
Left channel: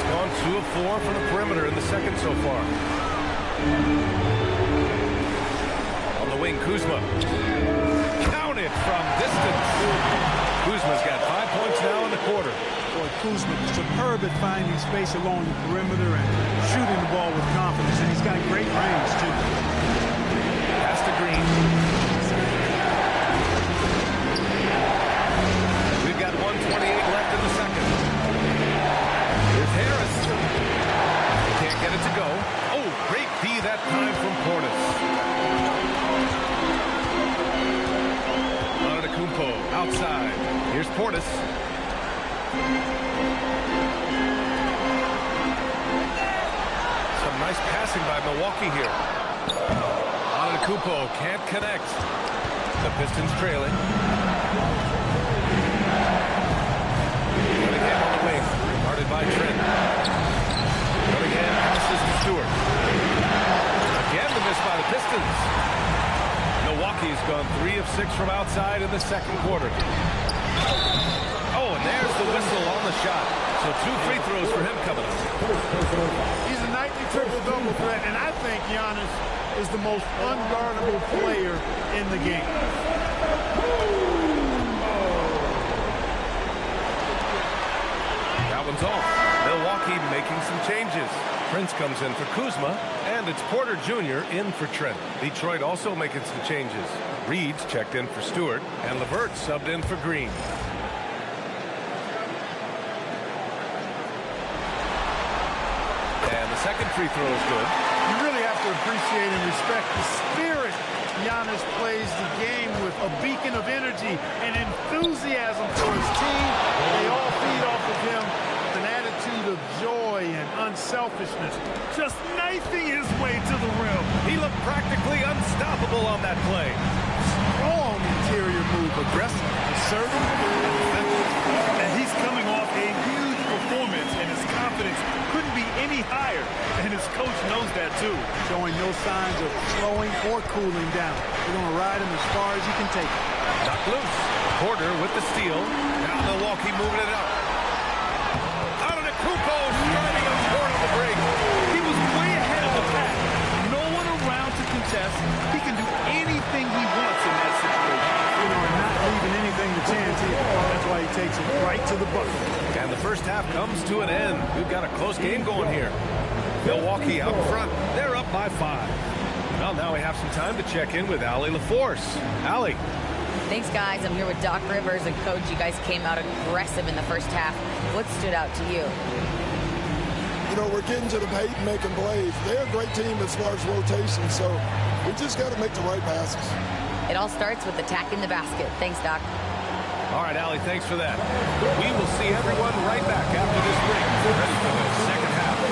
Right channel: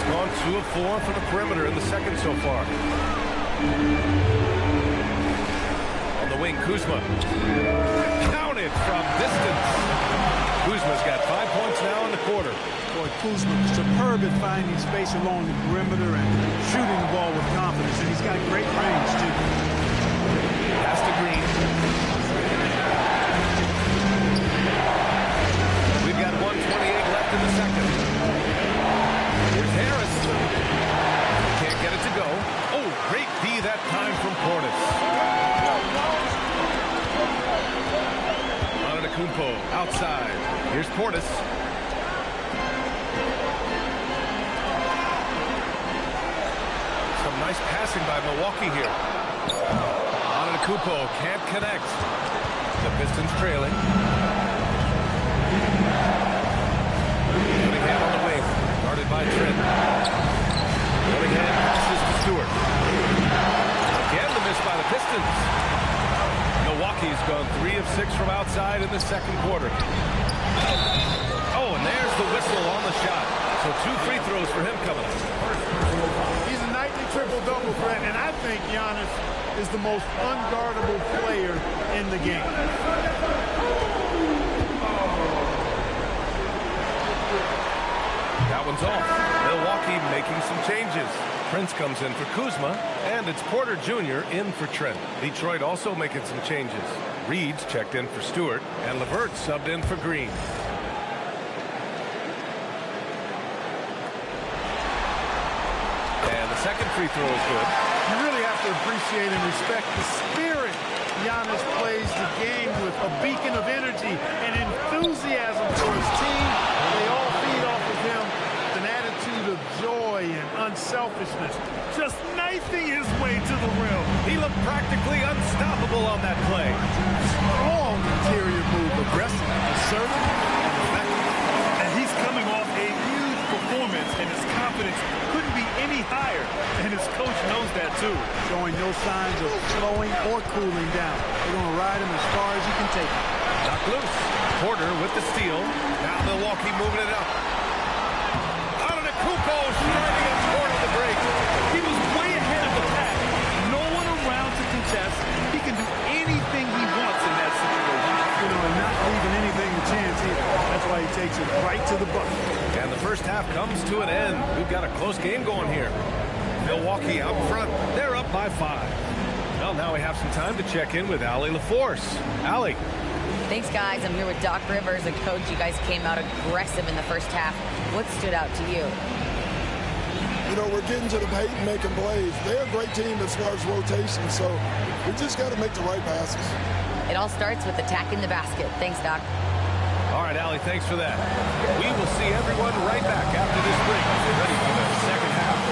He's gone 2 of 4 from the perimeter in the second so far. On the wing, Kuzma. Counted from distance. Kuzma's got 5 points now in the quarter. Boy, Kuzma superb at finding space along the perimeter and shooting the ball with confidence, and he's got great range, too. Pass to Green. We've got 1:28 left in the second. Here's Harris. Can't get it to go. Oh, great D that time from Portis. Kumpo outside. Here's Portis. Some nice passing by Milwaukee here. Kumpo can't connect. The Pistons trailing. Cunningham on the wing. Guarded by Trent. Cunningham passes to Stewart. Again the miss by the Pistons. Milwaukee's gone 3 of 6 from outside in the second quarter. Oh, and there's the whistle on the shot. So 2 free throws for him coming up. He's a nightly triple-double threat, and I think Giannis is the most unguardable player in the game. That one's off. Milwaukee making some changes. Prince comes in for Kuzma, and it's Porter Jr. in for Trent. Detroit also making some changes. Reed's checked in for Stewart, and LeVert subbed in for Green. And the second free throw is good. You really have to appreciate and respect the spirit Giannis plays the game with, a beacon of energy and enthusiasm for his team. They all feed off of him. An attitude of joy and unselfishness, just knifing his way to the rim. He looked practically unstoppable on that play. Strong interior move, aggressive, assertive, and effective. And he's coming off a huge performance, and his confidence couldn't be any higher. And his coach knows that, too. Showing no signs of slowing or cooling down. They're going to ride him as far as he can take him. Knocked loose. Porter with the steal. Now Milwaukee moving it up. Kumpo striding up toward on the break. He was way ahead of the pack. No one around to contest. He can do anything he wants in that situation. You know, and not leaving anything to chance either. That's why he takes it right to the bucket. And the first half comes to an end. We've got a close game going here. Milwaukee out front. They're up by 5. Well, now we have some time to check in with Allie LaForce. Allie. Thanks, guys. I'm here with Doc Rivers and Coach. You guys came out aggressive in the first half. What stood out to you? You know, we're getting to the paint and making plays. They're a great team as far as rotation, so we just got to make the right passes. It all starts with attacking the basket. Thanks, Doc. All right, Allie, thanks for that. We will see everyone right back after this break. Ready for the second half.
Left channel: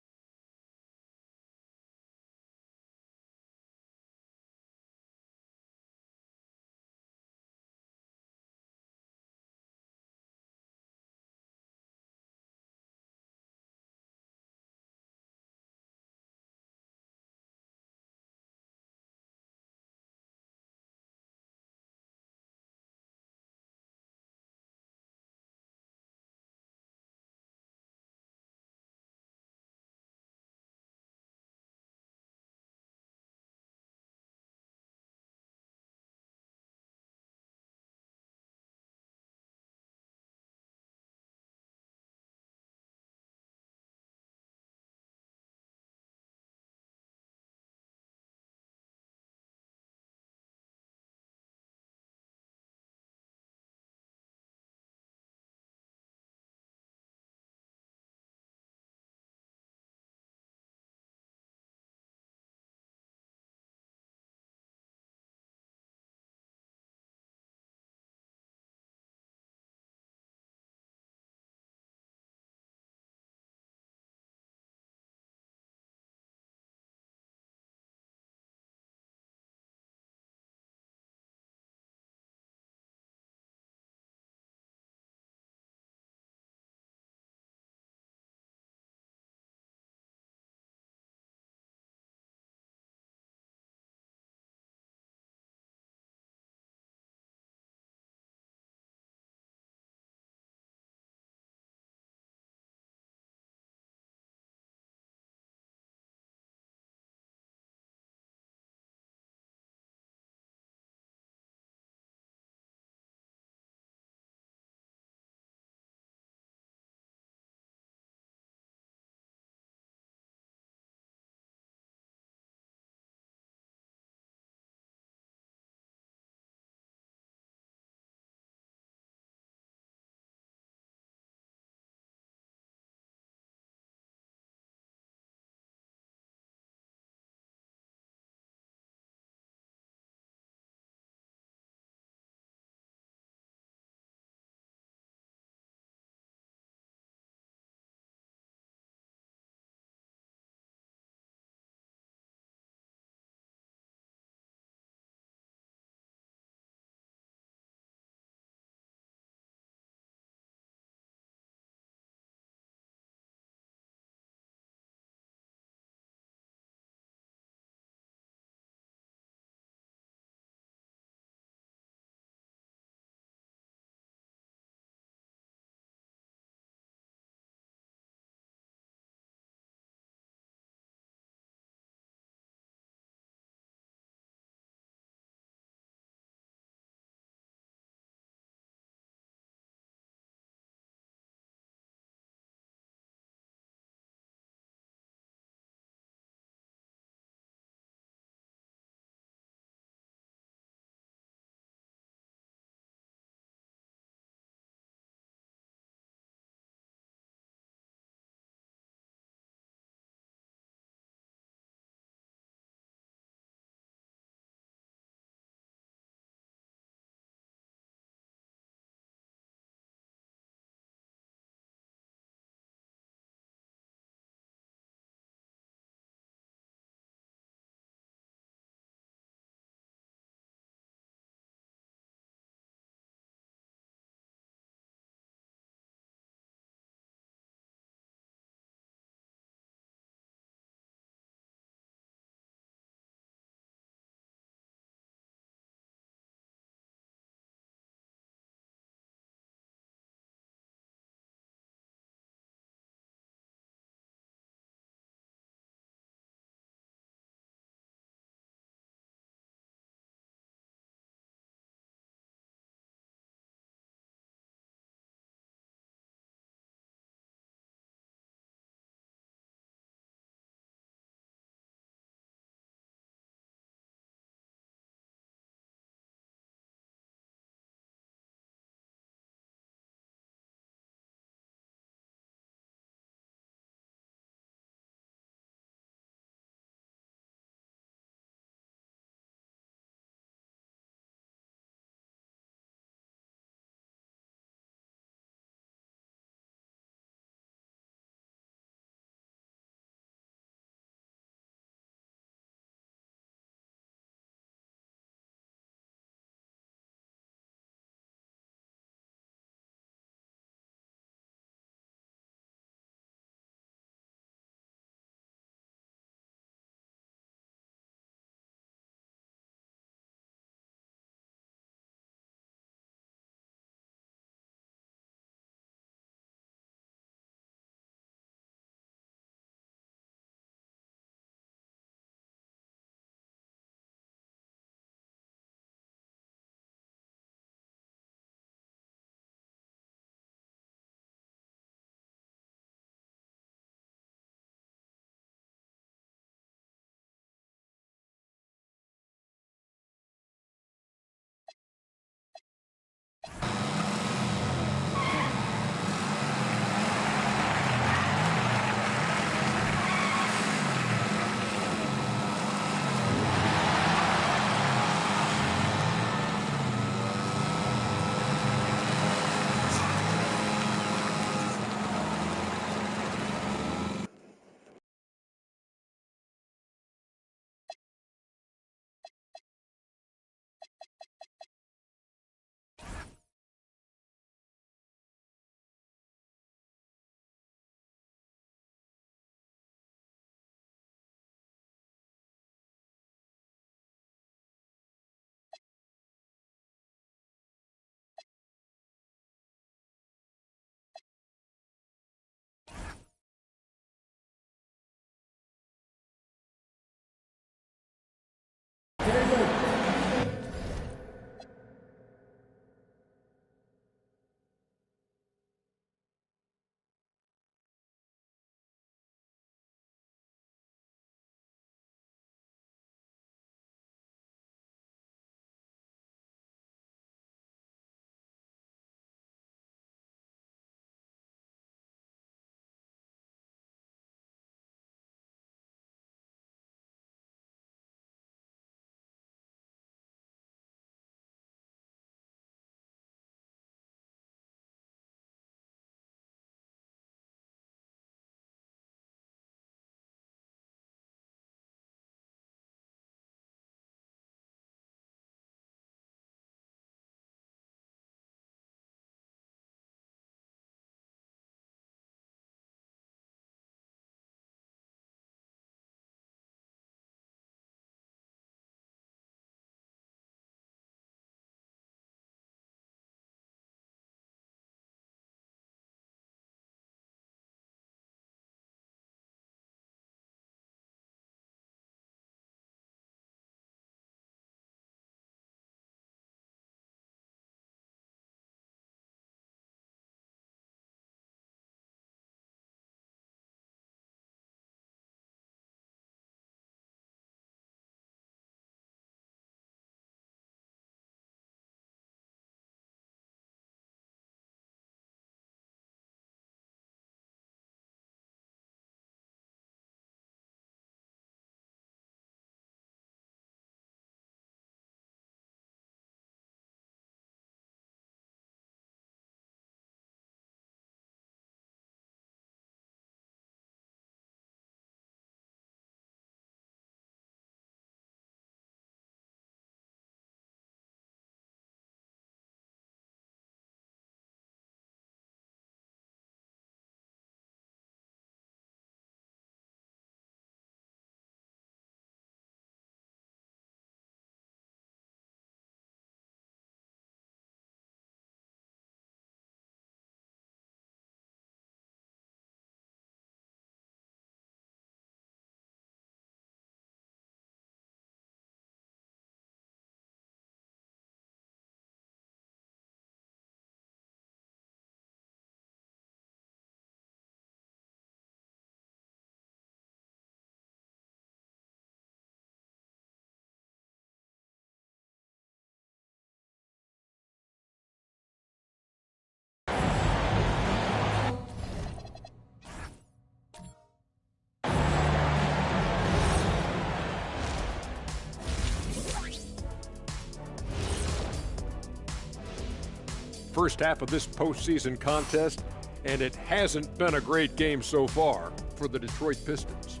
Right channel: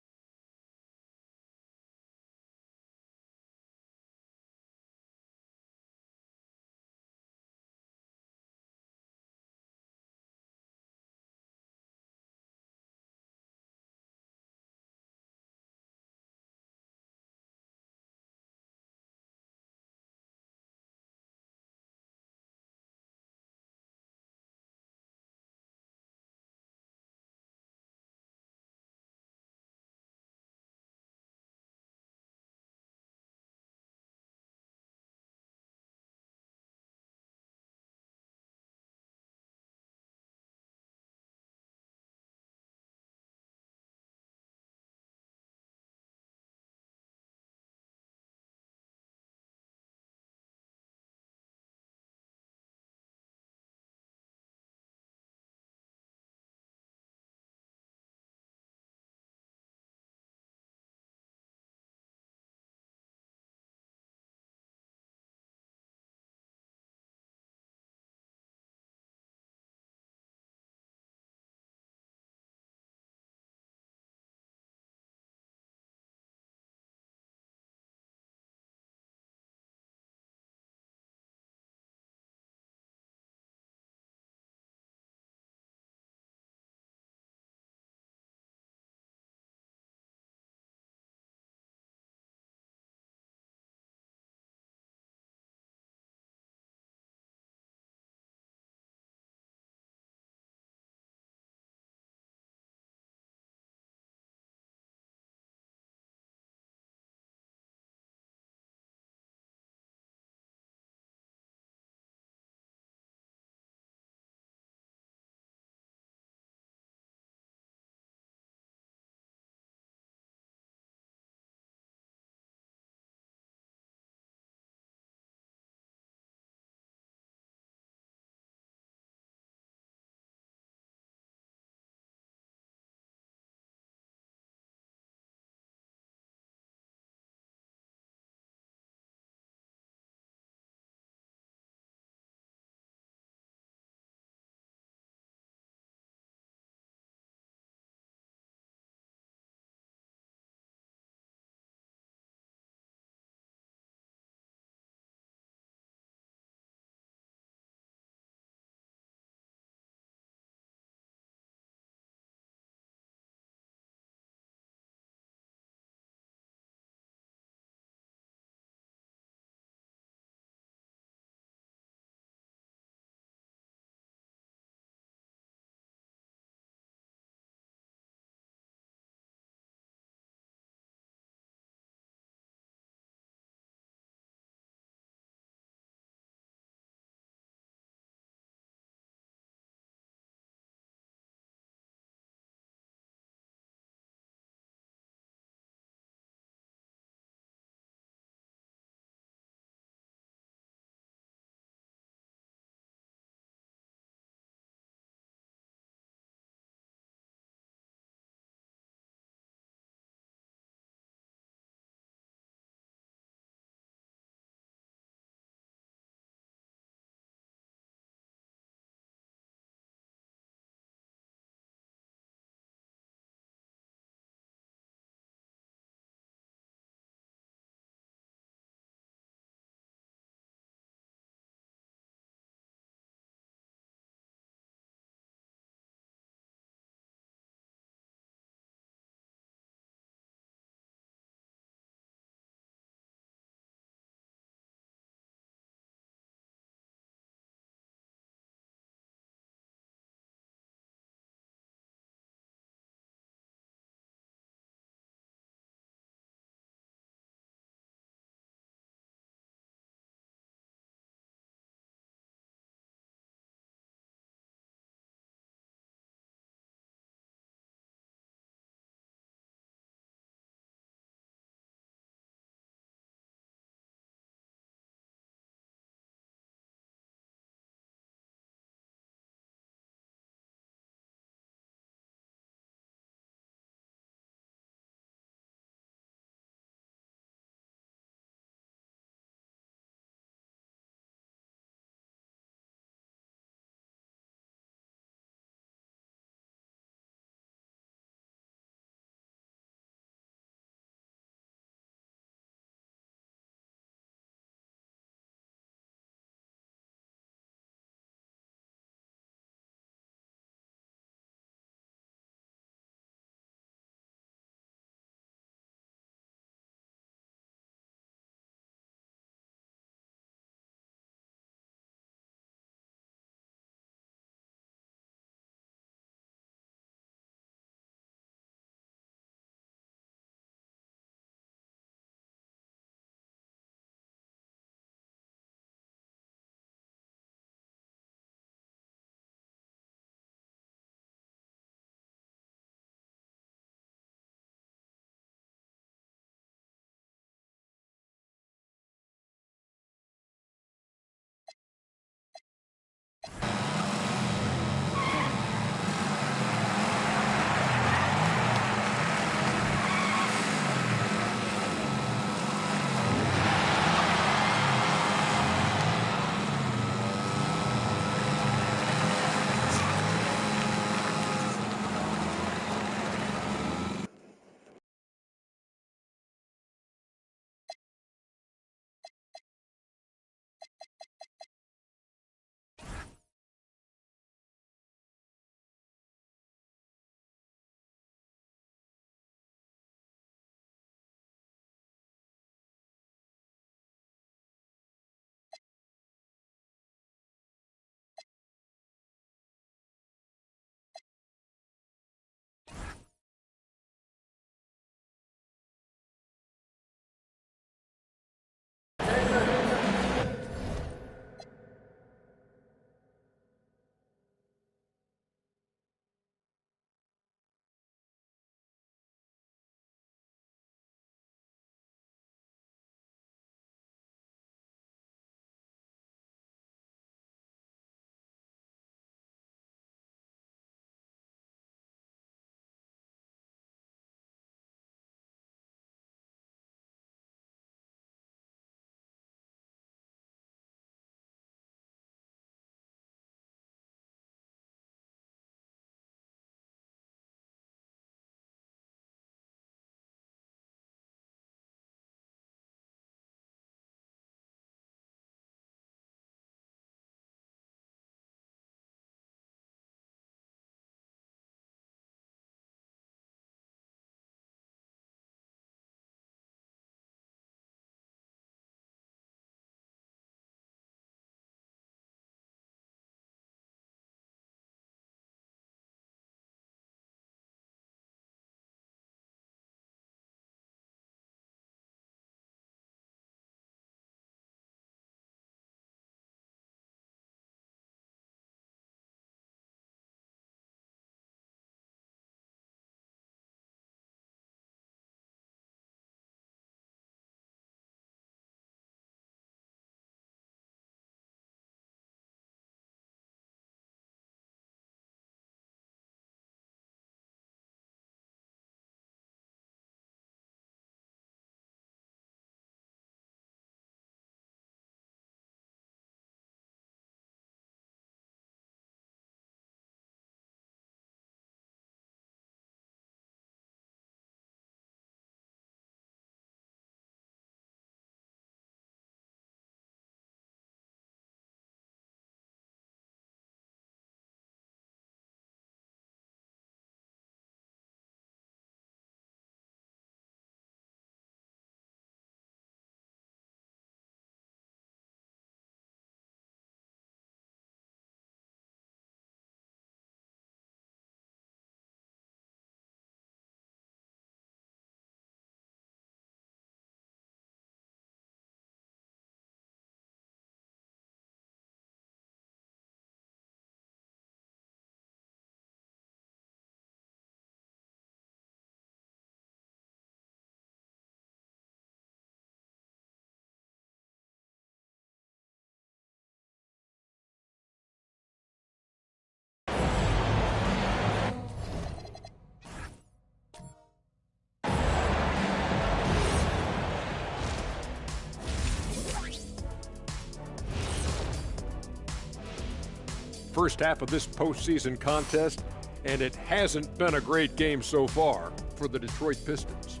first half of this postseason contest, and it hasn't been a great game so far for the Detroit Pistons.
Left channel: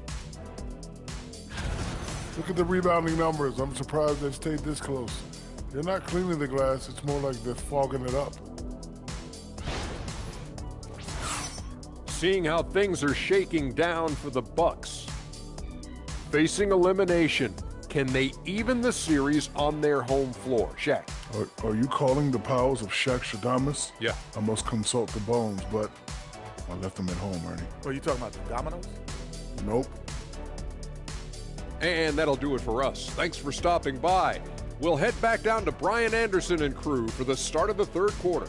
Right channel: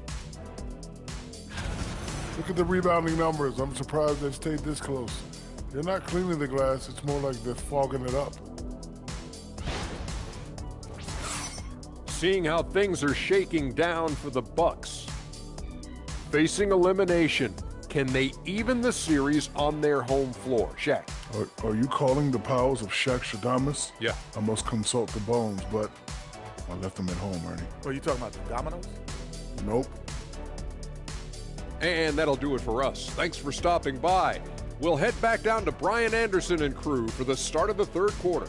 Look at the rebounding numbers. I'm surprised they've stayed this close. They're not cleaning the glass. It's more like they're fogging it up. Seeing how things are shaking down for the Bucks. Facing elimination, can they even the series on their home floor? Shaq. Are you calling the powers of Shaq Shadamas? Yeah. I must consult the bones, but I left them at home, Ernie. Are you talking about the dominoes? Nope. And that'll do it for us. Thanks for stopping by. We'll head back down to Brian Anderson and crew for the start of the third quarter.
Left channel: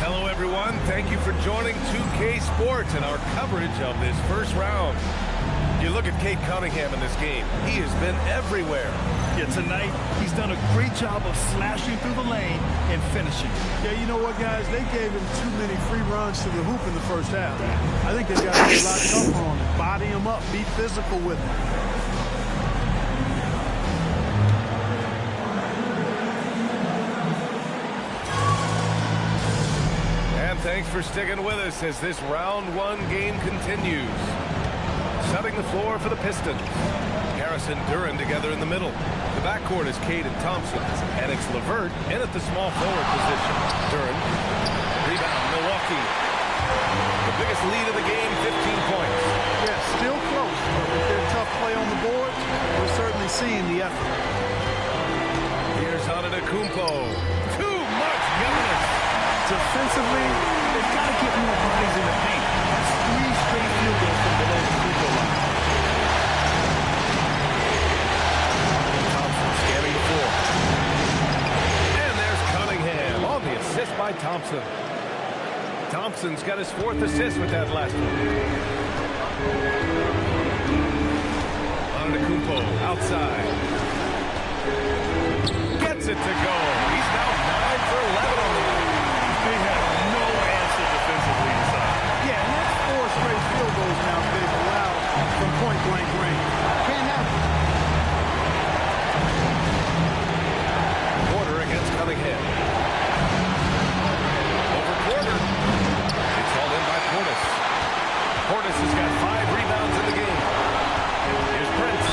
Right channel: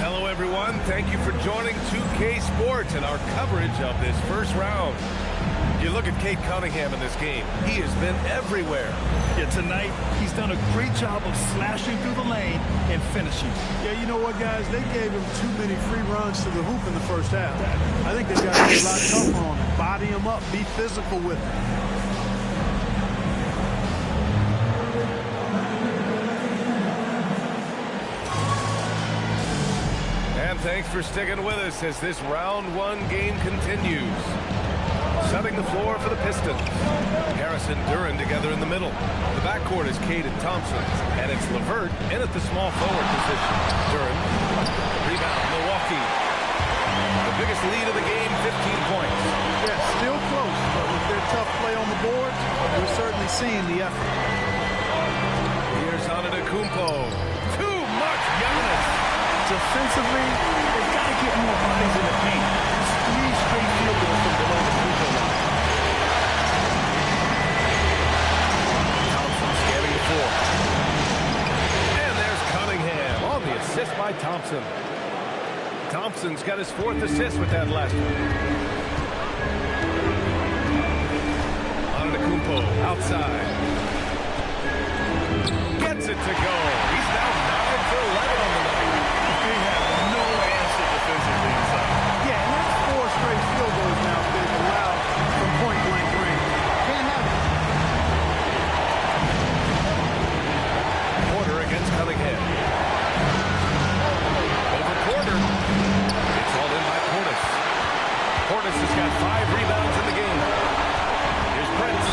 Hello, everyone. Thank you for joining 2K Sports and our coverage of this first round. You look at Cade Cunningham in this game. He has been everywhere. Yeah, tonight he's done a great job of slashing through the lane and finishing. Yeah, you know what, guys? They gave him too many free runs to the hoop in the first half. I think they've got to be a lot tougher on him. Body him up. Be physical with him. And thanks for sticking with us as this round one game continues. Setting the floor for the Pistons. Harris and Duren together in the middle. The backcourt is Cade and Thompson. And it's LeVert in at the small forward position. Duren. Rebound, Milwaukee. The biggest lead of the game, 15 points. Yeah, still close, but with their tough play on the boards, we're certainly seeing the effort. Here's Antetokounmpo. Too much Giannis. Defensively, they've got to get more bodies in the paint. That's 3 straight field goals from below the free throw line. Thompson scanning the floor. And there's Cunningham on the assist by Thompson. Thompson's got his 4th assist with that last one. Antetokounmpo outside. Gets it to go. He's now 9 for 11 on the night. They have no answer defensively inside. Yeah, and that's 4 straight field goals now they've allowed from point-blank range. Can't have it. Porter against Cunningham. Over Porter. It's hauled in by Portis. Portis has got 5 rebounds in the game. Here's Prince.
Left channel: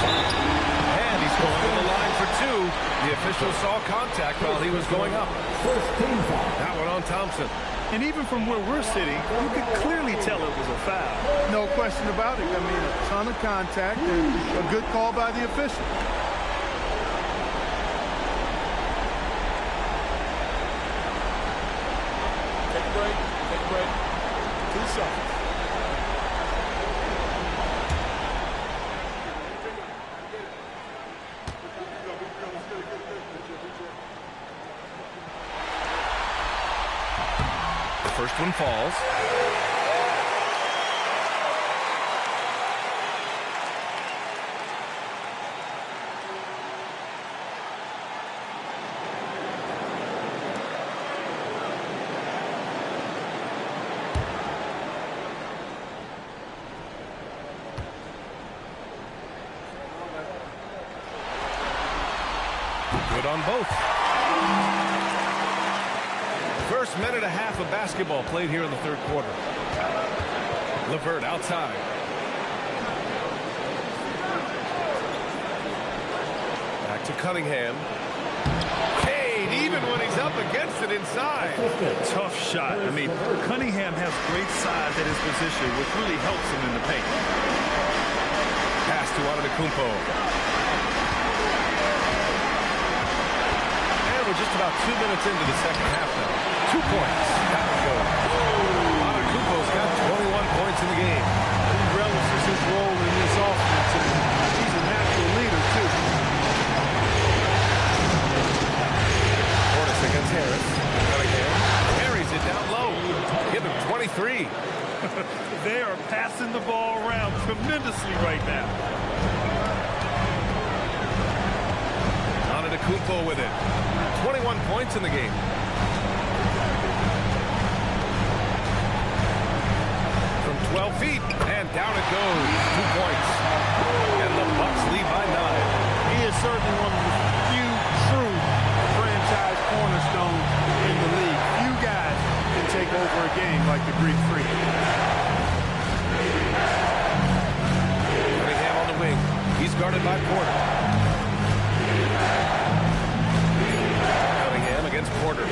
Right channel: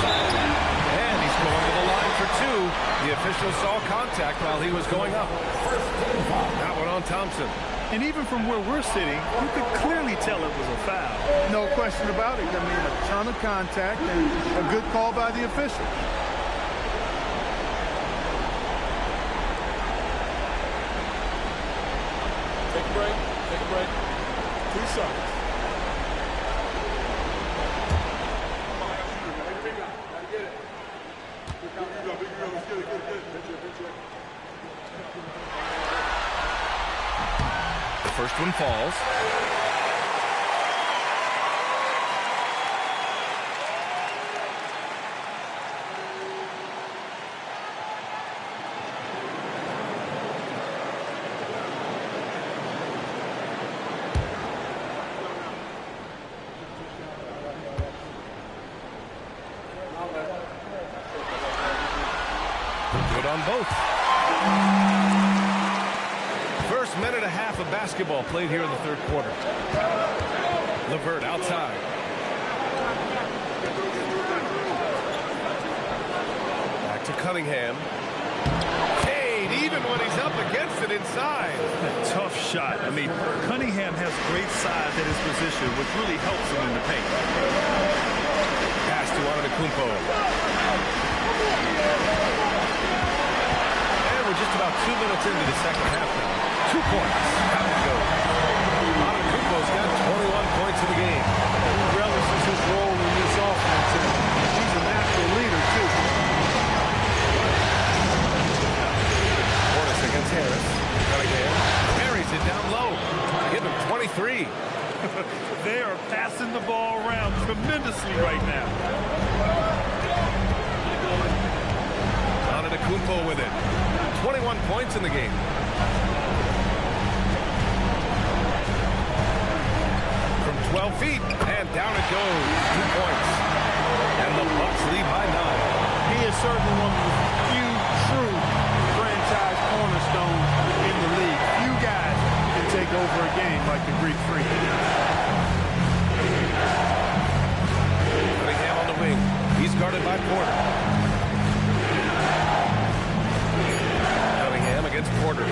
And he's going to the line for 2. The official saw contact while he was going up. That one on Thompson. And even from where we're sitting, you could clearly tell it was a foul. No question about it. I mean, a ton of contact and a good call by the official. Take a break. Take a break. 2 seconds. The first one falls. Good on both. First minute and a half of basketball played here in the third quarter. LeVert outside. Back to Cunningham. Cade, even when he's up against it inside. Tough shot. I mean, Cunningham has great size at his position, which really helps him in the paint. Pass to Antetokounmpo. We're just about 2 minutes into the second half now. 2 points. How it goes. Antetokounmpo's got 21 points in the game. He relishes his role in this offense, and he's a natural leader, too. Portis against Harris. Cunningham carries it down low. Give him 23. They are passing the ball around tremendously right now. Antetokounmpo with it. 21 points in the game. 12 feet, and down it goes. 2 points. And the Bucks lead by 9. He is certainly one of the few true franchise cornerstones in the league. Few guys can take over a game like the Greek Freak. Cunningham on the wing. He's guarded by Porter. Cunningham against Porter.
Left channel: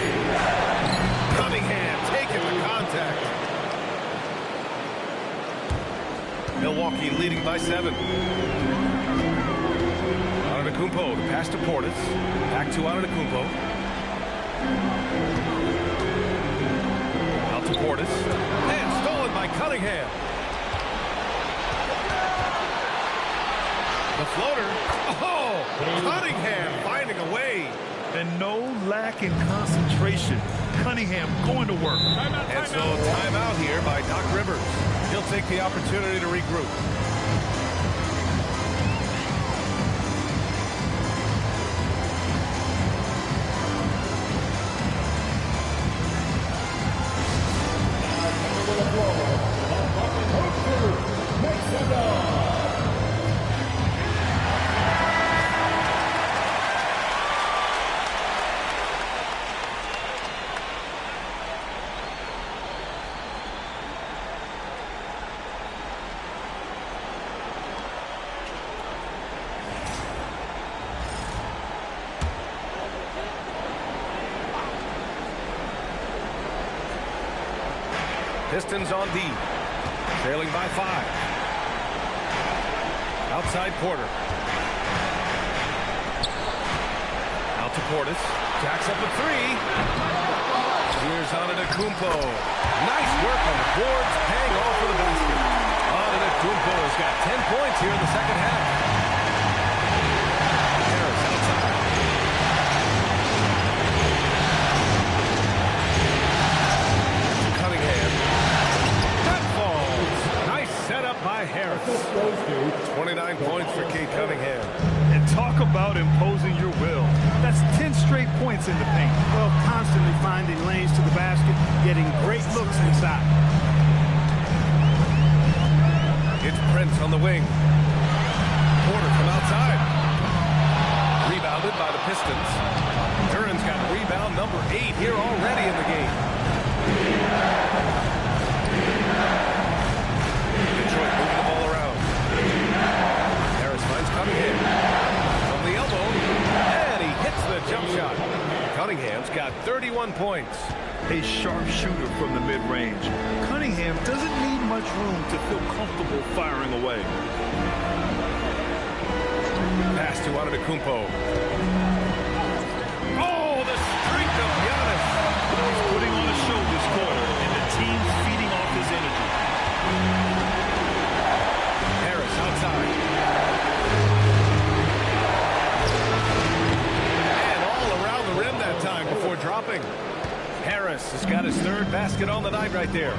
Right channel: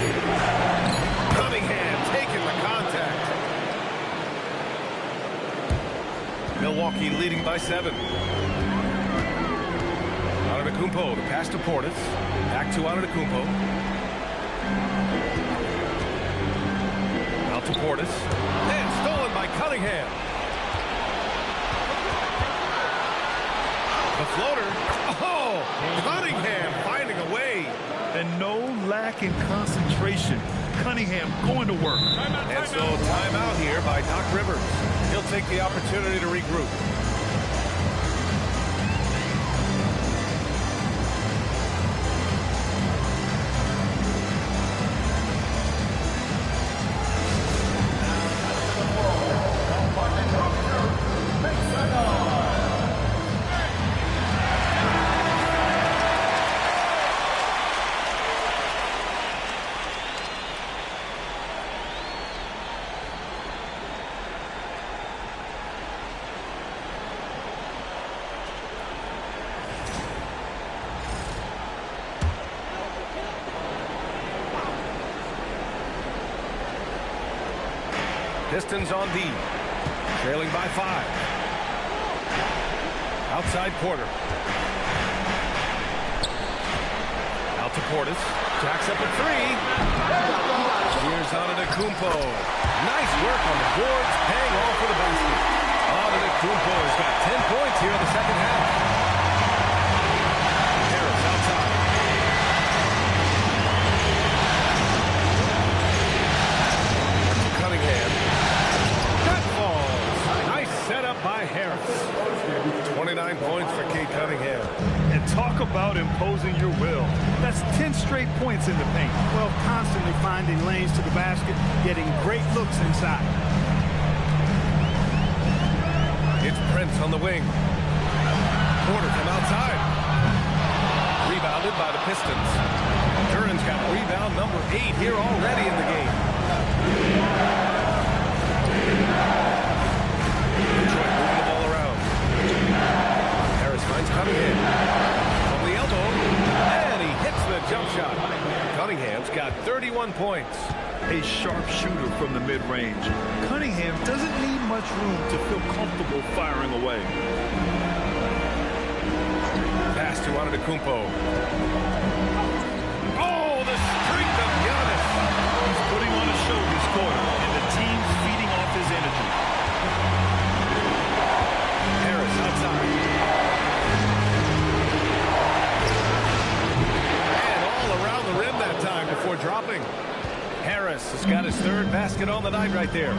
Cunningham taking the contact. Milwaukee leading by 7. Antetokounmpo, the pass to Portis. Back to Antetokounmpo. Out to Portis. And stolen by Cunningham. The floater. Oh, Cunningham finding a way. And no lack in concentration. Cunningham going to work. And so timeout here by Doc Rivers. He'll take the opportunity to regroup. Pistons on D, trailing by 5. Outside Porter. Out to Portis. Jacks up a 3. Here's Antetokounmpo. Nice work on the boards, paying off for the basket. Antetokounmpo has got 10 points here in the second half. Harris outside. Cunningham. That falls. Nice setup by Harris. 29 points for Cade Cunningham. And talk about imposing your will. That's 10 straight points in the paint. Well, constantly finding lanes to the basket, getting great looks inside. It's Prince on the wing. Porter from outside. Rebounded by the Pistons. Duran's got rebound number 8 here already in the game. Detroit moving the ball around. Harris finds Cunningham. From the elbow. And he hits the jump shot. Cunningham's got 31 points. A sharp shooter from the mid-range. Cunningham doesn't need much room to feel comfortable firing away. Pass to Antetokounmpo. Oh, the strength of Giannis. He's putting on a show this quarter, and the team's feeding off his energy. Harris outside. And all around the rim that time before dropping. Harris has got his 3rd basket on the night right there.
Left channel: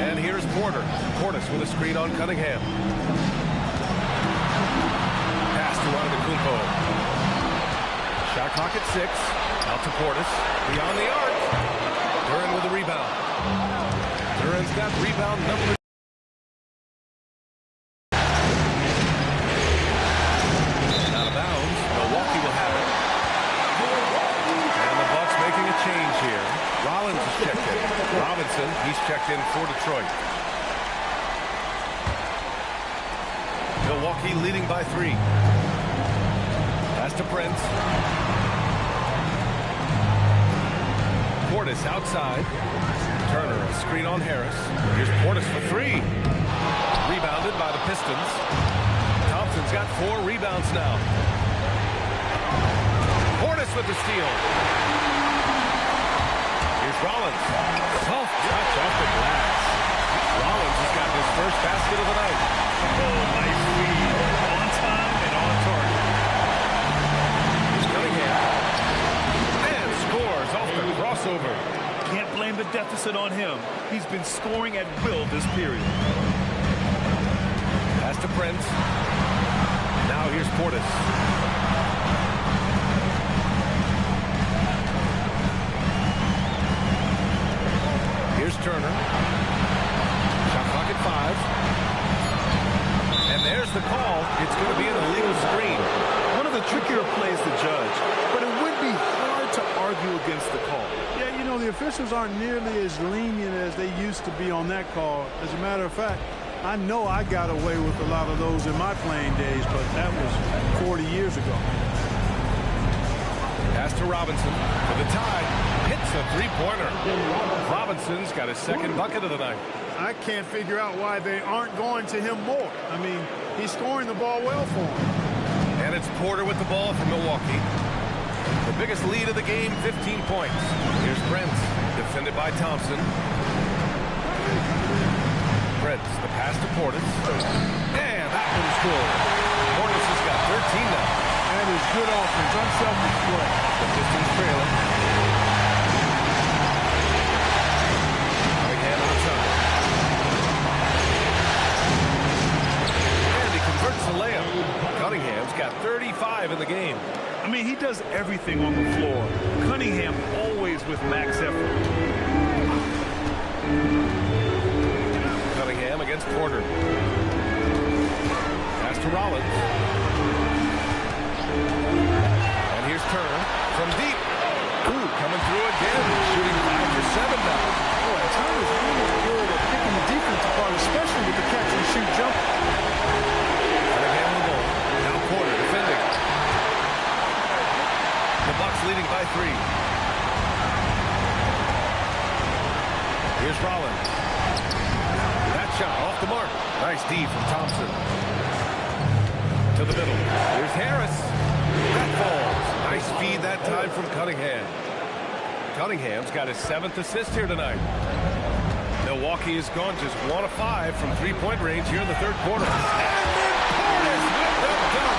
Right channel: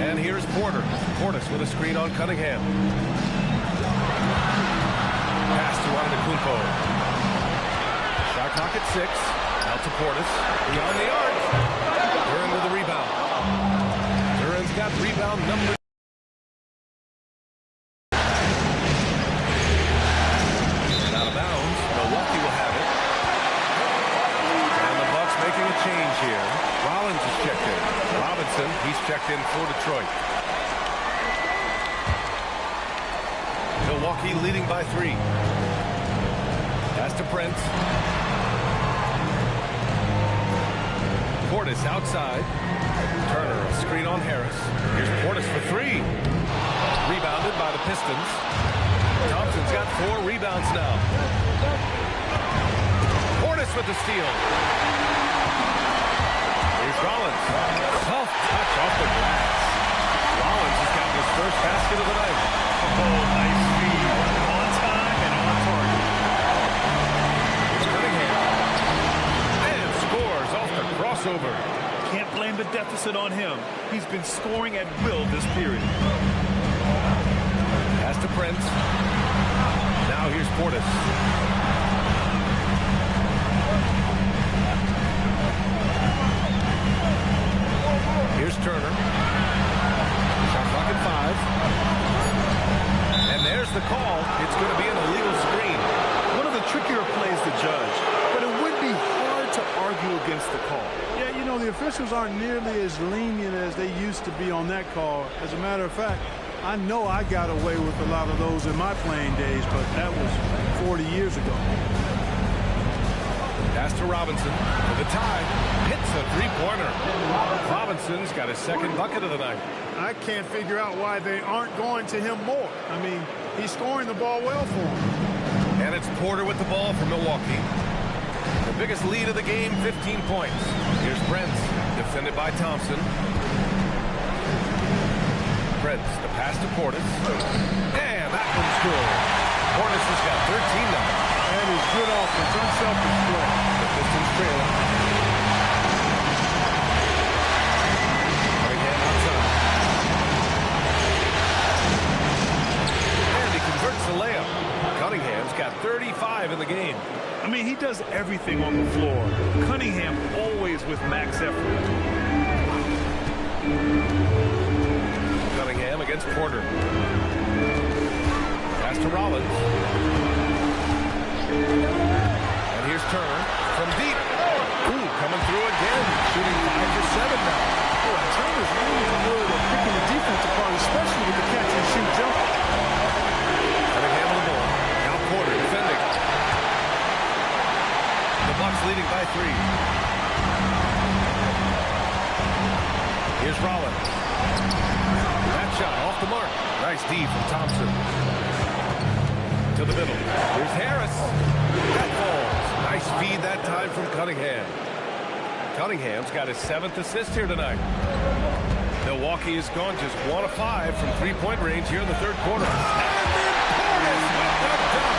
And here's Porter. Portis with a screen on Cunningham. Pass to Antetokounmpo. Shot clock at 6. Out to Portis. Beyond the arc. Duran with the rebound. Duran's got rebound number. Out of bounds. Milwaukee will have it. And the Bucks making a change here. Rollins is checked in. Robinson, he's checked in for Detroit. Milwaukee leading by 3. Pass to Prince. Portis outside. Turner, a screen on Harris. Here's Portis for 3. Rebounded by the Pistons. Thompson's got 4 rebounds now. Portis with the steal. Here's Rollins. Soft touch off the glass. Rollins has gotten his first basket of the night. Oh, nice read. On time and on target. Here's Cunningham. And scores off the crossover. Can't blame the deficit on him. He's been scoring at will this period. Pass to Prince. Now here's Portis. Here's Turner. Shot clock at 5. And there's the call. It's going to be an illegal screen. One of the trickier plays to judge, but it would be hard to argue against the call. Yeah, you know, the officials aren't nearly as lenient as they used to be on that call. As a matter of fact, I know I got away with a lot of those in my playing days, but that was 40 years ago. Pass to Robinson for the tie. Hits a three-pointer. Robinson's got his second bucket of the night. I can't figure out why they aren't going to him more. I mean, he's scoring the ball well for him. And it's Porter with the ball for Milwaukee. The biggest lead of the game, 15 points. Here's Prince, defended by Thompson. Prince, the pass to Portis. And that one's good. Portis has got 13 now. That is good offense, unselfish play. The Pistons trailing. Cunningham outside. And he converts the layup. Cunningham's got 35 in the game. I mean, he does everything on the floor. Cunningham always with max effort. Cunningham against Porter. Pass to Rollins. And here's Turner from deep. Ooh, coming through again. Shooting 5 for 7 now. Boy, Turner's really good at picking the defense apart, especially with the catch-and-shoot jumper. Cunningham on the ball. Now Porter defending. The Bucks leading by 3. Here's Rollins. That shot off the mark. Nice D from Thompson. To the middle. Here's Harris. That falls. Nice feed that time from Cunningham. Cunningham's got his 7th assist here tonight. Milwaukee has gone just 1 of 5 from three-point range here in the third quarter. And then Portis with the dunk.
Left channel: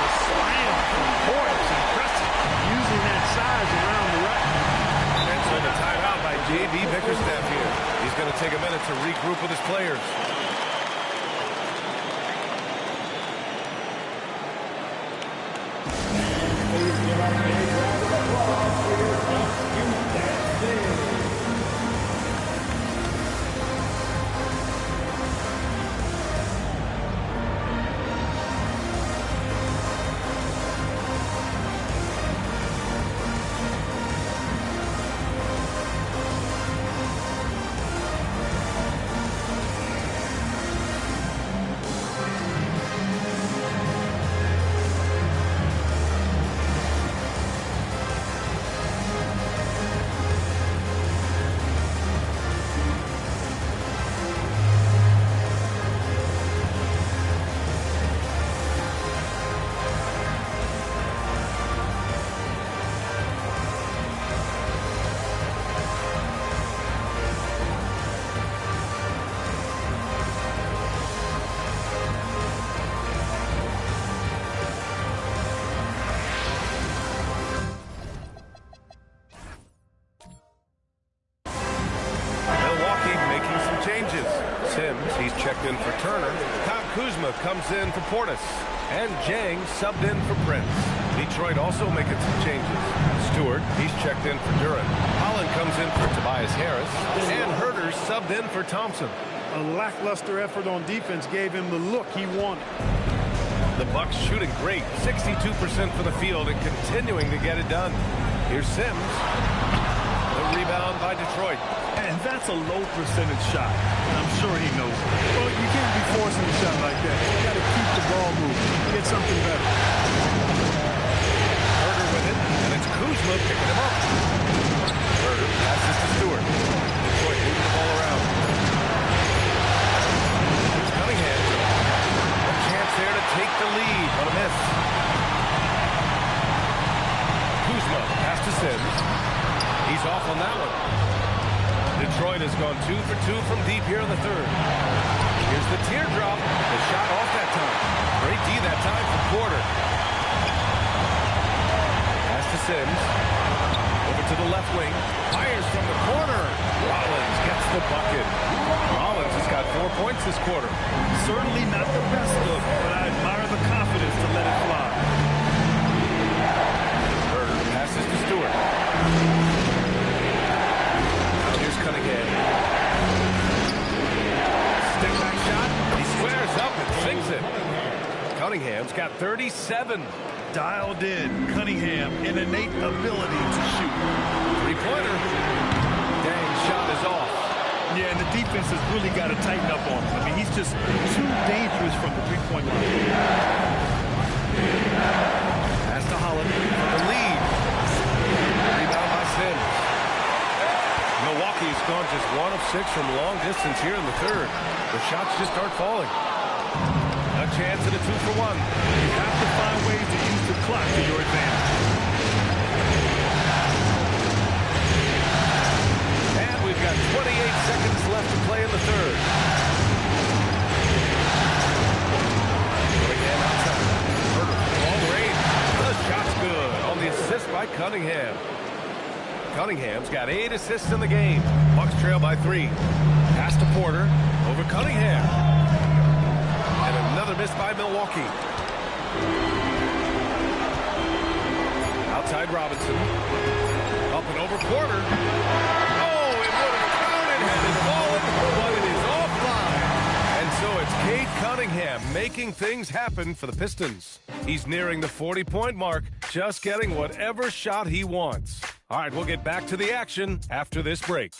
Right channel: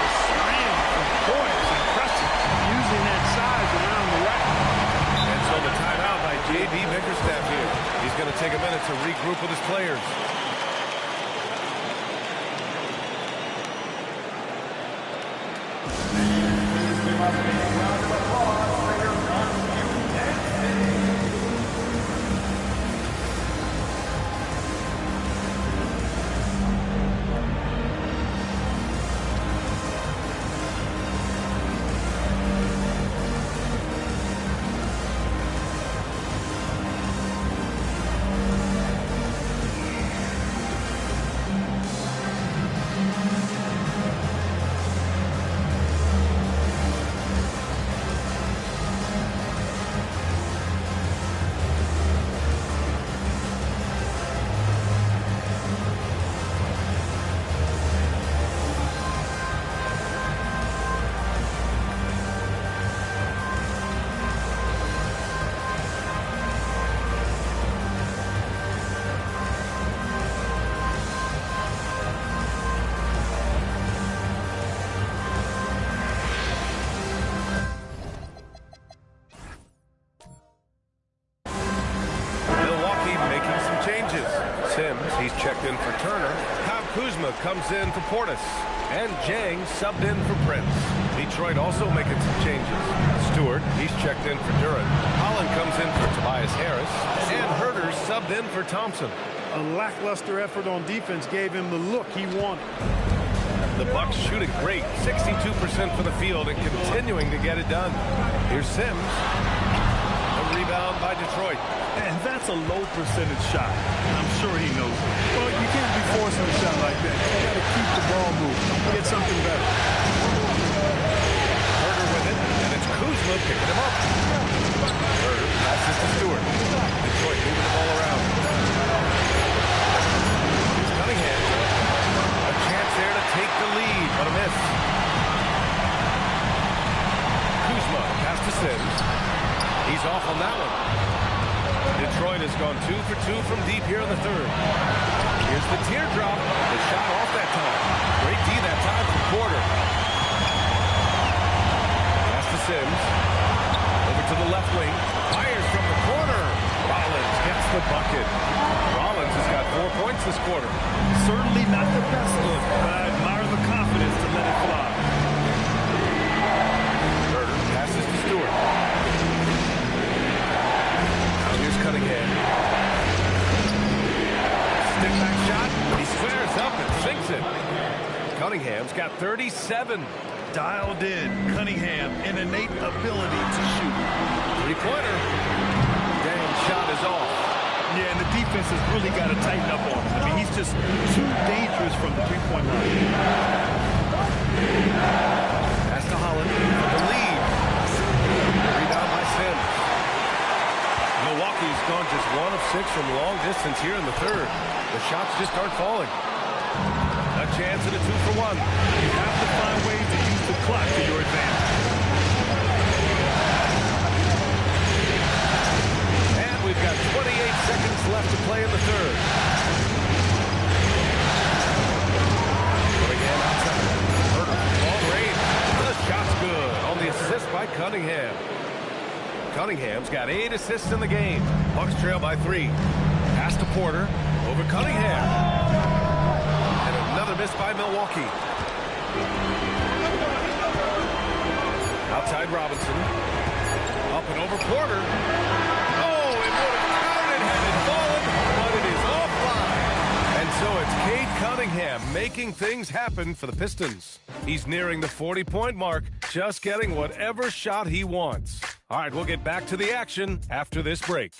The slam from Portis, impressive. Using that size around the rack. And so the timeout by J.B. Bickerstaff here. He's going to take a minute to regroup with his players. Making some changes. Sims, he's checked in for Turner. Kyle Kuzma comes in for Portis. And Jang subbed in for Prince. Detroit also making some changes. Stewart, he's checked in for Duran. Holland comes in for Tobias Harris. And Herter subbed in for Thompson. A lackluster effort on defense gave him the look he wanted. The Bucks shooting great. 62% for the field and continuing to get it done. Here's Sims. The rebound by Detroit. And that's a low percentage shot. And I'm sure he knows it. Well, you can't be forcing a shot like that. You got to keep the ball moving. Get something better. Herter with it, and it's Kuzma picking him up. Herter passes to Stewart. Detroit moving the ball around. Here's Cunningham. A chance there to take the lead, but a miss. Kuzma, the pass to Sims. He's off on that one. Detroit has gone 2 for 2 from deep here in the third. Here's the teardrop. The shot off that time. Great D that time from Porter. Pass to Sims. Over to the left wing. Fires from the corner. Rollins gets the bucket. Rollins has got 4 points this quarter. Certainly not the best look, but I admire the confidence to let it fly. Herter passes to Stewart. Here's Cunningham. Step back shot. He squares up and sinks it. Cunningham's got 37. Dialed in. Cunningham, an innate ability to shoot. Three-pointer. Dang, shot is off. Yeah, and the defense has really got to tighten up on him. I mean, he's just too dangerous from the three-point line. Pass to Holland for the lead. Rebound by Sims. Milwaukee's gone just 1 of 6 from long distance here in the third. The shots just aren't falling. A chance at a 2-for-1. You have to find ways to use the clock to your advantage. And we've got 28 seconds left to play in the third. Cunningham outside. Herter, long range. The shot's good on the assist by Cunningham. Cunningham's got 8 assists in the game. Bucks trail by 3. Pass to Porter over Cunningham. And another miss by Milwaukee. Outside Robinson. Up and over Porter. Oh, it would have counted had it fallen, but it is offline. And so it's Cade Cunningham making things happen for the Pistons. He's nearing the 40-point mark, just getting whatever shot he wants. All right, we'll get back to the action after this break.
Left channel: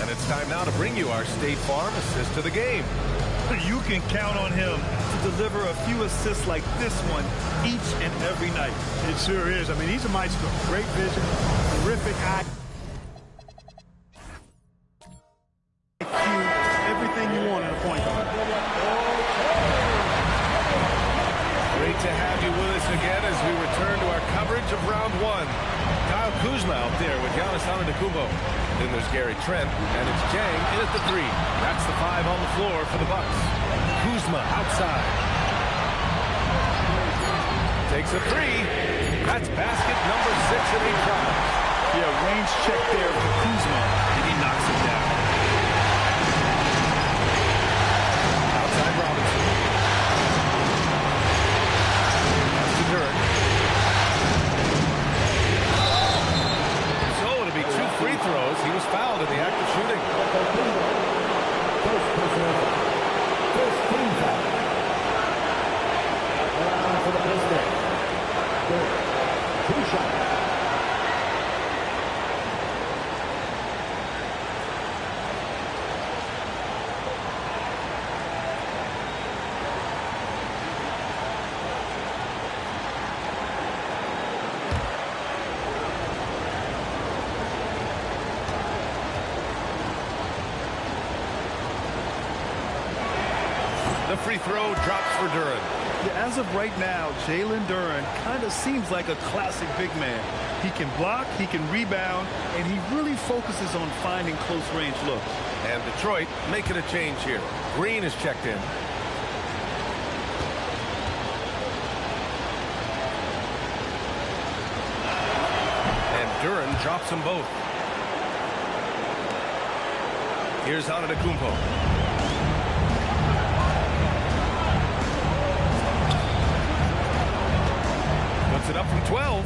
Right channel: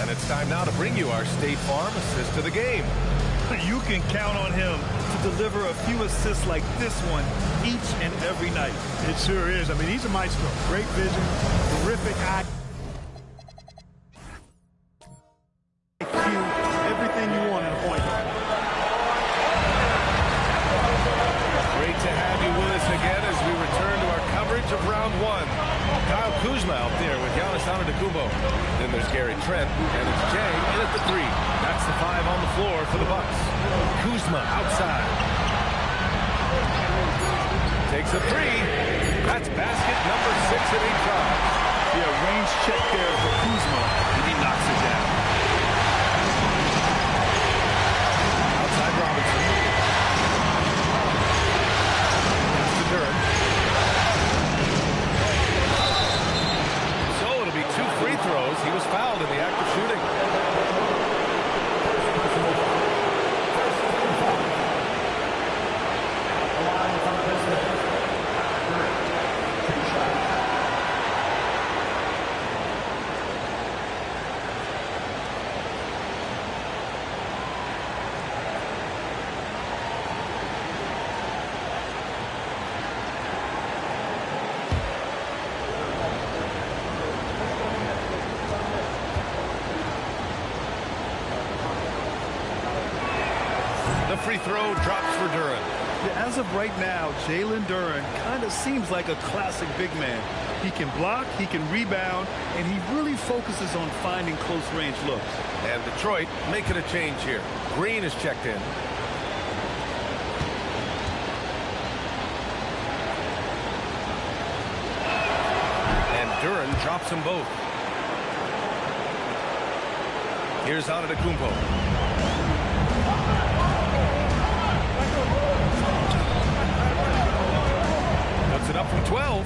And it's time now to bring you our State Farm assist to the game. You can count on him to deliver a few assists like this one each and every night. It sure is. I mean, he's a maestro. Great vision, terrific eye. Everything you want in a point guard. Great to have you with us again as we return to our coverage of round 1. Kyle Kuzma out there with Giannis Antetokounmpo. Then there's Gary Trent, and it's Jang in at the 3. That's the 5 on the floor for the Bucks. Kuzma outside. Takes a 3. That's basket number 6 at 8 tries. Yeah, range check there for Kuzma, and he knocks it down. Outside Robinson. That's to Duren. So it'll be 2 free throws. He was fouled in the act of shooting. The free throw drops for Duren. Yeah, as of right now, Jalen Duren kind of seems like a classic big man. He can block, he can rebound, and he really focuses on finding close-range looks. And Detroit making a change here. Green is checked in. And Duren drops them both. Here's Antetokounmpo. Puts it up from 12.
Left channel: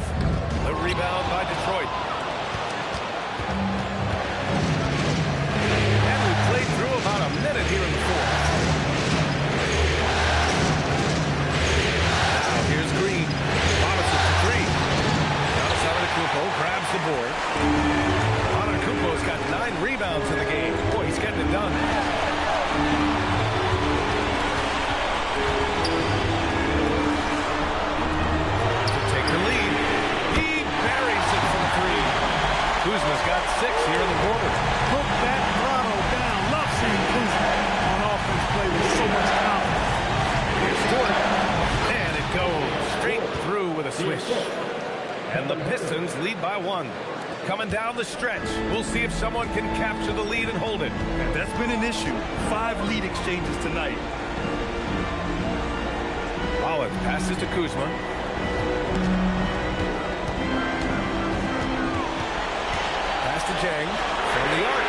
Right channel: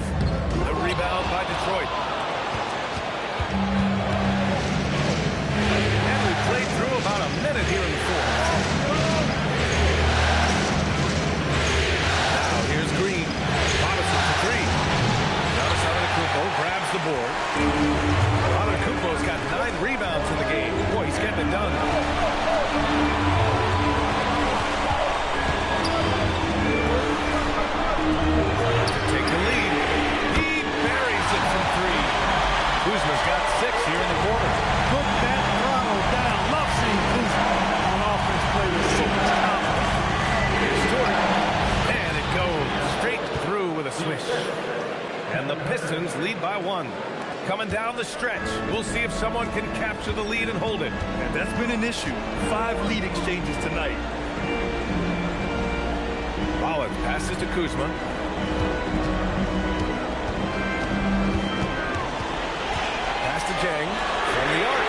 The rebound by Detroit. And we played through about a minute here in the fourth. Now here's Green. Robinson for 3. Giannis Antetokounmpo grabs the board. Antetokounmpo's got 9 rebounds in the game. Boy, he's getting it done. Take the lead. He buries it from 3. Kuzma's got 6 here in the quarter. Put that throttle down. Love seeing Kuzma on offense play with so much confidence. Here's Stewart. And it goes straight through with a swish. And the Pistons lead by 1. Coming down the stretch. We'll see if someone can capture the lead and hold it. And that's been an issue. 5 lead exchanges tonight. Rollins passes to Kuzma. Pass to Jang from the arc.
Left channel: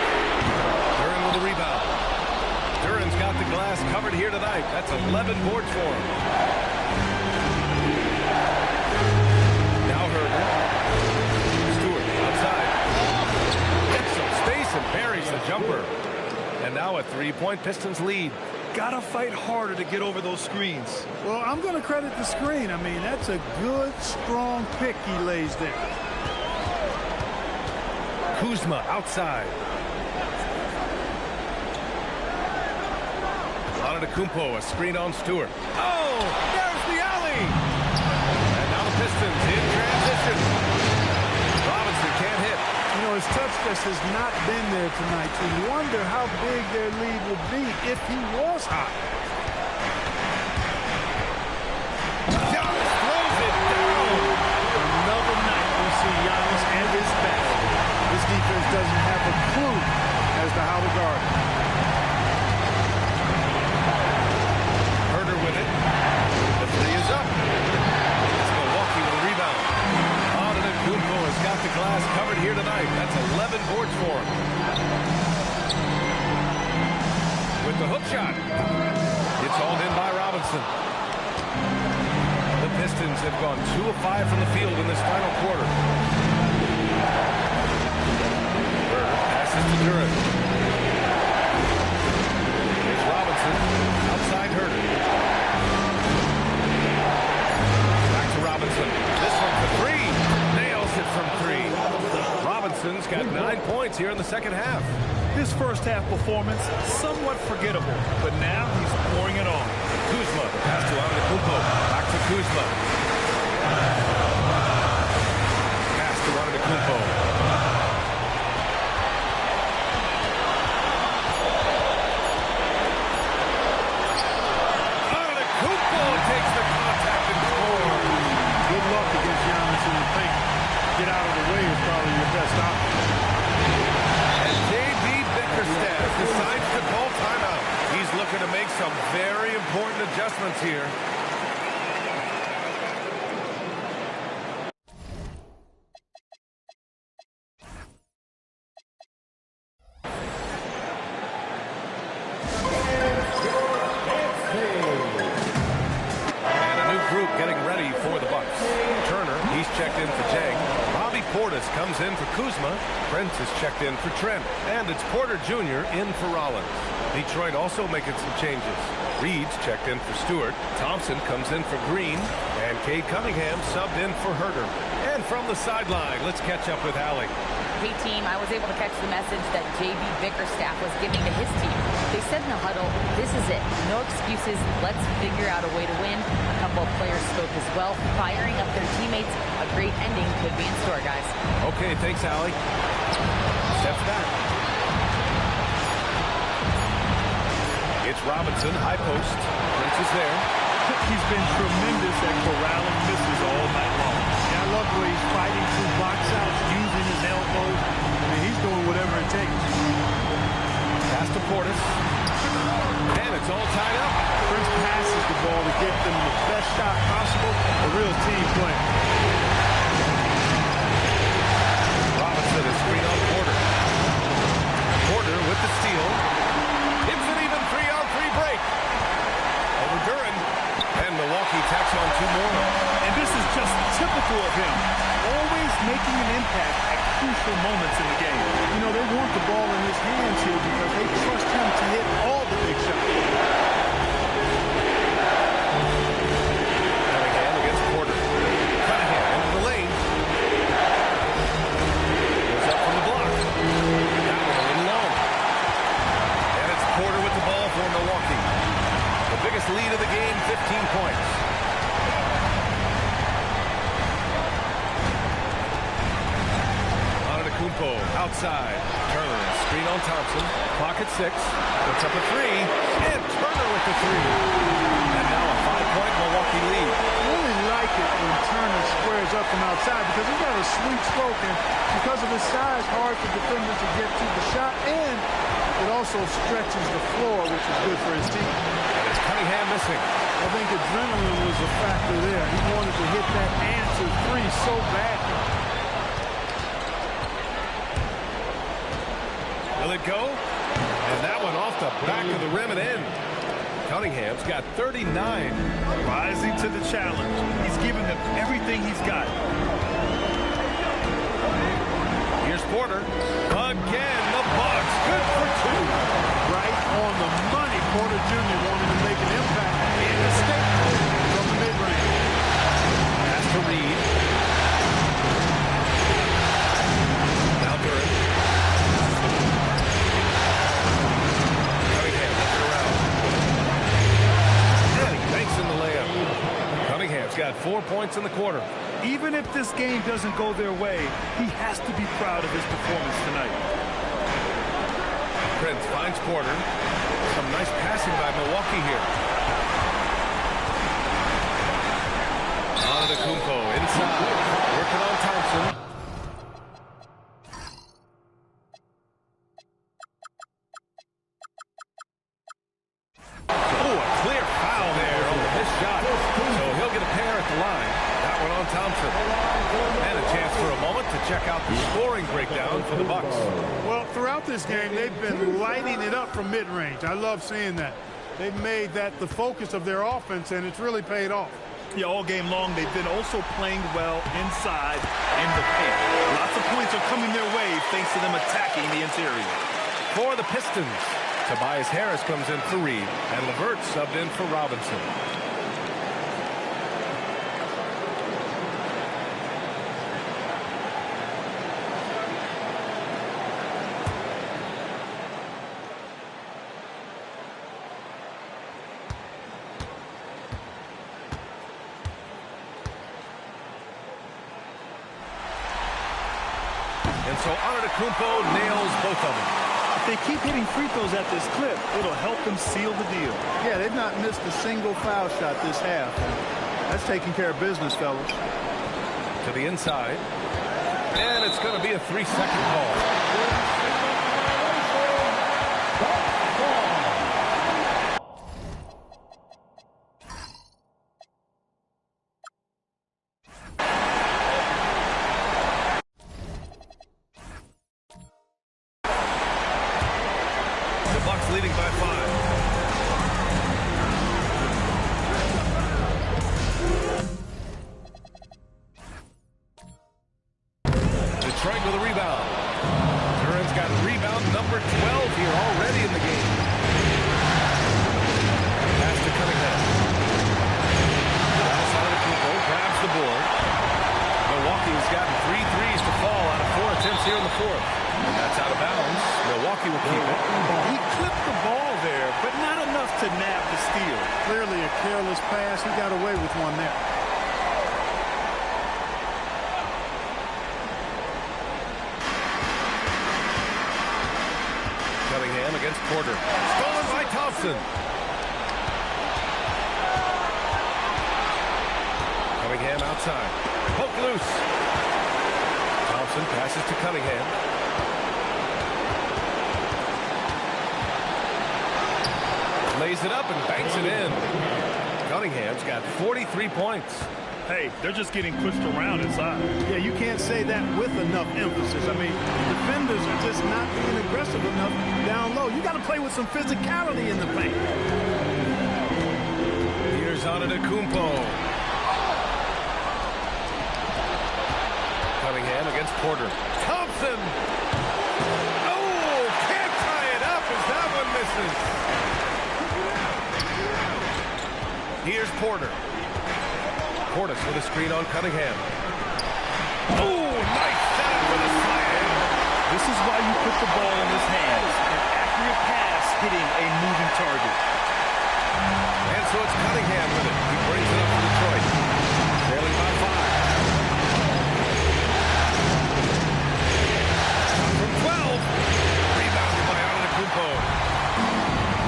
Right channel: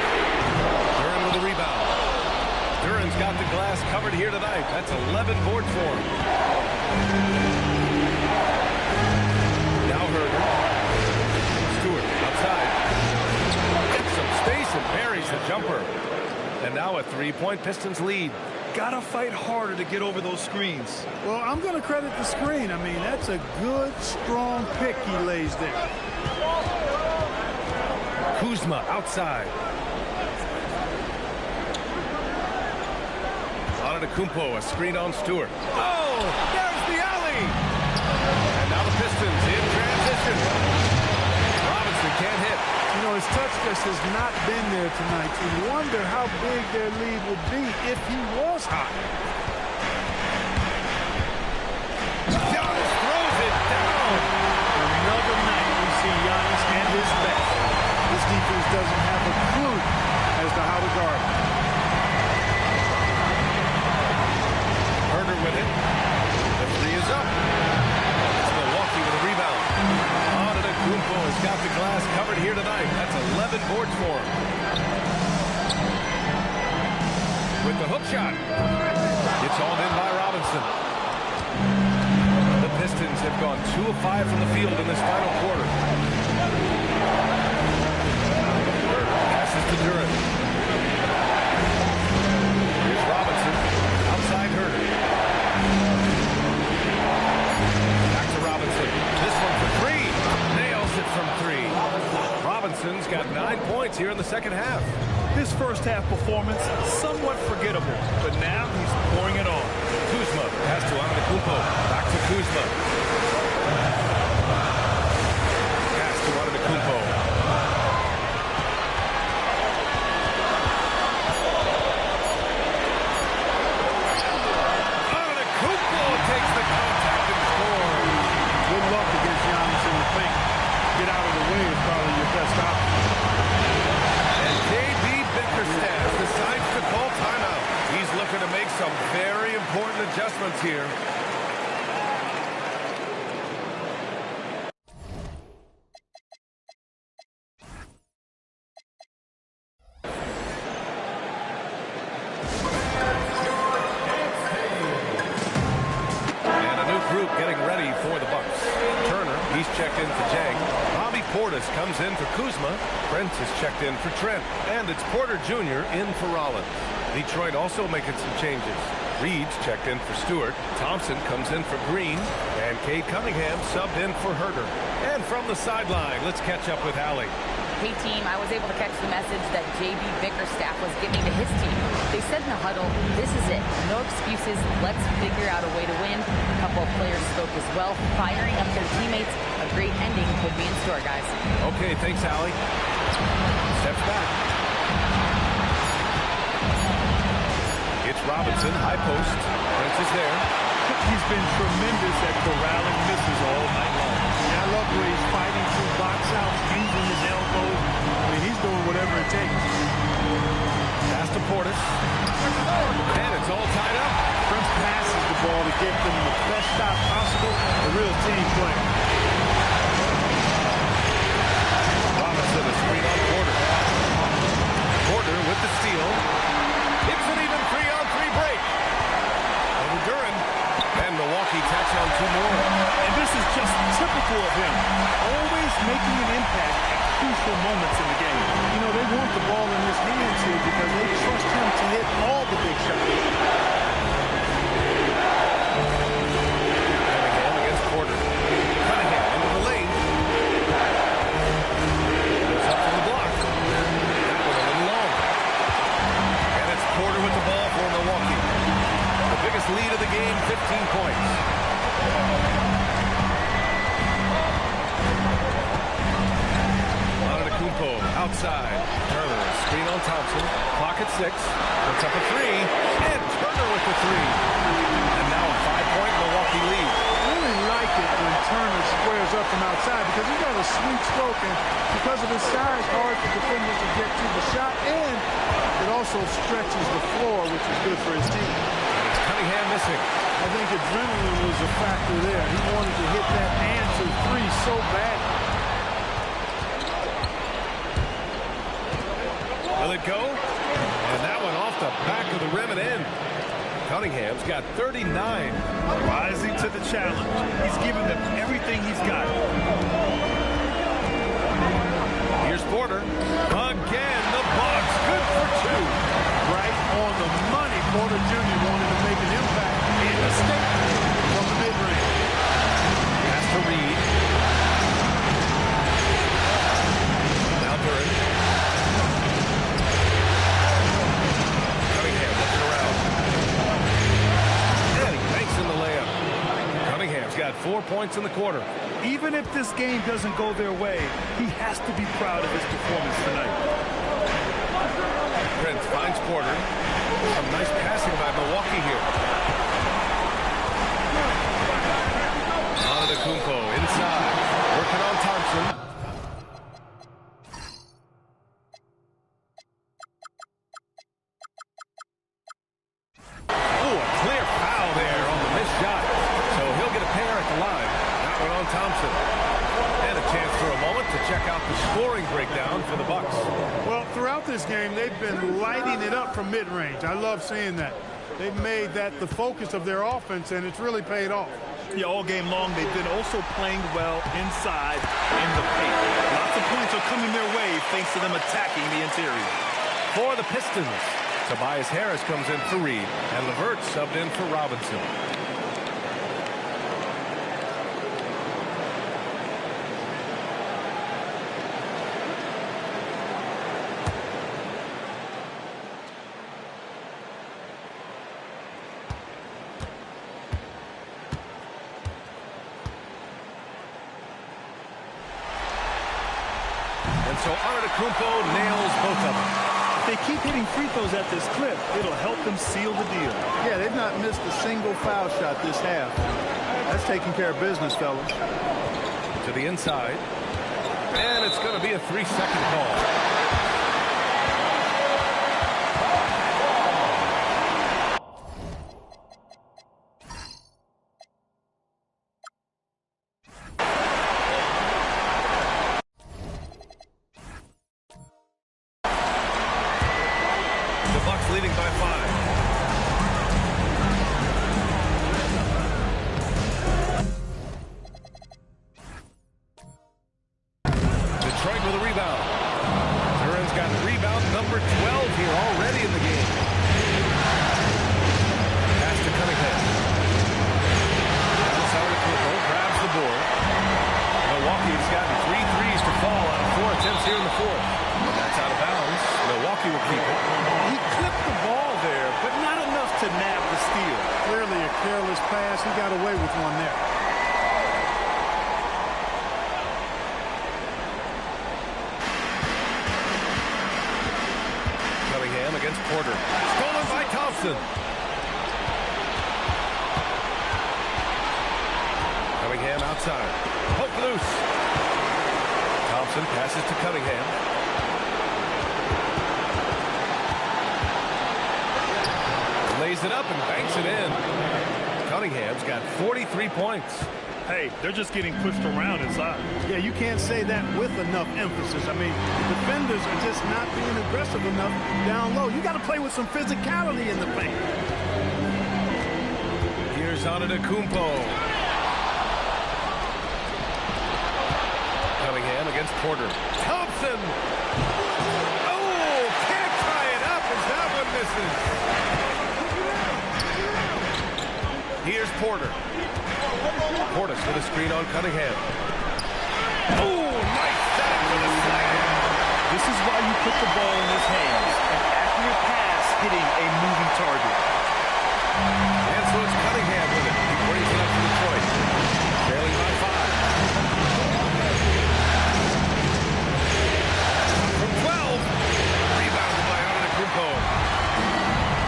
Duran with the rebound. Duran's got the glass covered here tonight. That's 11 boards for him. Now Herder. Stewart outside. Gets some space and buries the jumper. And now a three-point Pistons lead. Gotta fight harder to get over those screens. Well, I'm going to credit the screen. I mean, that's a good, strong pick he lays there. Kuzma outside. Antetokounmpo, a screen on Stewart. Oh, there's the alley. And now the Pistons in transition. Robinson can't hit. You know, his touch just has not been there tonight. You wonder how big their lead would be if he was hot. Giannis throws it down. Another night we see Giannis at his best. This defense doesn't have a clue as to how to guard him. Herder with it. The three is up. It's Milwaukee with a rebound. Antetokounmpo has got the glass covered here tonight. That's 11 boards for him. With the hook shot. It's hauled in by Robinson. The Pistons have gone 2 of 5 from the field in this final quarter. Herder passes to Duran. Here's Robinson. Outside Herder. Back to Robinson. This one for three. Nails it from three. Robinson's got 9 points here in the second half. His first half performance, somewhat forgettable, but now he's pouring it on. Kuzma, the pass to Antetokounmpo. Back to Kuzma. Pass to Antetokounmpo. Antetokounmpo takes the contact and scores. Good luck against Giannis in the paint. Get out of the way is probably your best option. And J.B. Bickerstaff decides to call timeout. He's looking to make some very important adjustments here. And a new group getting ready for the Bucks. Turner, he's checked in for Jang. Bobby Portis comes in for Kuzma. Prince is checked in for Trent. And it's Porter Jr. in for Rollins. Detroit also making some changes. Reed's checked in for Stewart. Thompson comes in for Green. And Cade Cunningham subbed in for Herder. And from the sideline, let's catch up with Allie. Hey, team, I was able to catch the message that J.B. Bickerstaff was giving to his team. They said in the huddle, this is it. No excuses. Let's figure out a way to win. A couple of players spoke as well, firing up their teammates. A great ending could be in store, guys. Okay, thanks, Allie. Steps back. It's Robinson, high post. Prince is there. He's been tremendous at corralling misses all night long. Yeah, I love the way he's fighting through box outs, using his elbows. I mean, he's doing whatever it takes. Pass to Portis. And it's all tied up. Prince passes the ball to get them the best shot possible. A real team player. Robinson, a screen on Porter. Porter with the steal. It's an even 3-on-3 break. Over Duran. And Milwaukee tacks on 2 more. And this is just typical of him. Always making an impact at crucial moments in the game. You know, they want the ball in his hands here because they trust him to hit all the big shots. Cunningham against Porter. Cunningham into the lane. Goes up from the block. That one a little long. And it's Porter with the ball for Milwaukee. The biggest lead of the game, 15 points. Antetokounmpo outside. Turner, a screen on Thompson. Clock at 6. Puts up a 3. And Turner with the 3. And now a 5-point Milwaukee lead. I really like it when Turner squares up from outside because he's got a sweet stroke, and because of his size, hard for defenders to get to the shot, and it also stretches the floor, which is good for his team. It's Cunningham missing. I think adrenaline was a factor there. He wanted to hit that answer 3 so badly. Will it go? And that one off the back of the rim and in. Cunningham's got 39. Rising to the challenge. He's giving them everything he's got. Here's Porter. Again, the Bucks. Good for two. Right on the money. Porter Jr. wanted to make an impact in the statement from the mid-range. Pass to Reed. Now Duran. Cunningham looking around. And he makes in the layup. Cunningham's got 4 points in the quarter. Even if this game doesn't go their way, he has to be proud of his performance tonight. Prince finds Porter. Some nice passing by Milwaukee here. Antetokounmpo inside. Working on Thompson. Oh, a clear foul there on the missed shot. So he'll get a pair at the line. That one on Thompson. And a chance for a moment to check out the scoring breakdown for the Bucks. Well, throughout this game, they've been lighting it up from mid-range. I love seeing that. They've made that the focus of their offense, and it's really paid off. Yeah, all game long, they've been also playing well inside in the paint. Lots of points are coming their way thanks to them attacking the interior. For the Pistons, Tobias Harris comes in for Reed, and LeVert subbed in for Robinson. And so Antetokounmpo nails both of them. If they keep hitting free throws at this clip, it'll help them seal the deal. Yeah, they've not missed a single foul shot this half. That's taking care of business, fellas. To the inside. And it's going to be a 3-second call. The Bucks leading by 5. Detroit with a rebound. Duran's got rebound number 12 here already in the game. Pass to Cunningham. Giannis Antetokounmpo grabs the board. Milwaukee's gotten 3 threes to fall out of 4 attempts here in the fourth. And that's out of bounds. Milwaukee will keep it. He clipped the ball there, but not enough to nab the steal. Clearly a careless pass. He got away with one there. Cunningham against Porter. Stolen by Thompson. Cunningham outside. Poke loose. Thompson passes to Cunningham. Lays it up and banks it in. Cunningham's got 43 points. Hey, they're just getting pushed around inside. Yeah, you can't say that with enough emphasis. I mean, defenders are just not being aggressive enough down low. You got to play with some physicality in the paint. Here's Antetokounmpo. Cunningham against Porter. Thompson! Oh, can't tie it up as that one misses. Here's Porter. Portis with a screen on Cunningham. Oh, nice setup for the slam. This is why you put the ball in his hands. An accurate pass hitting a moving target. And so it's Cunningham with it. He brings it up for Detroit. Trailing by 5. From 12. Rebounded by Antetokounmpo.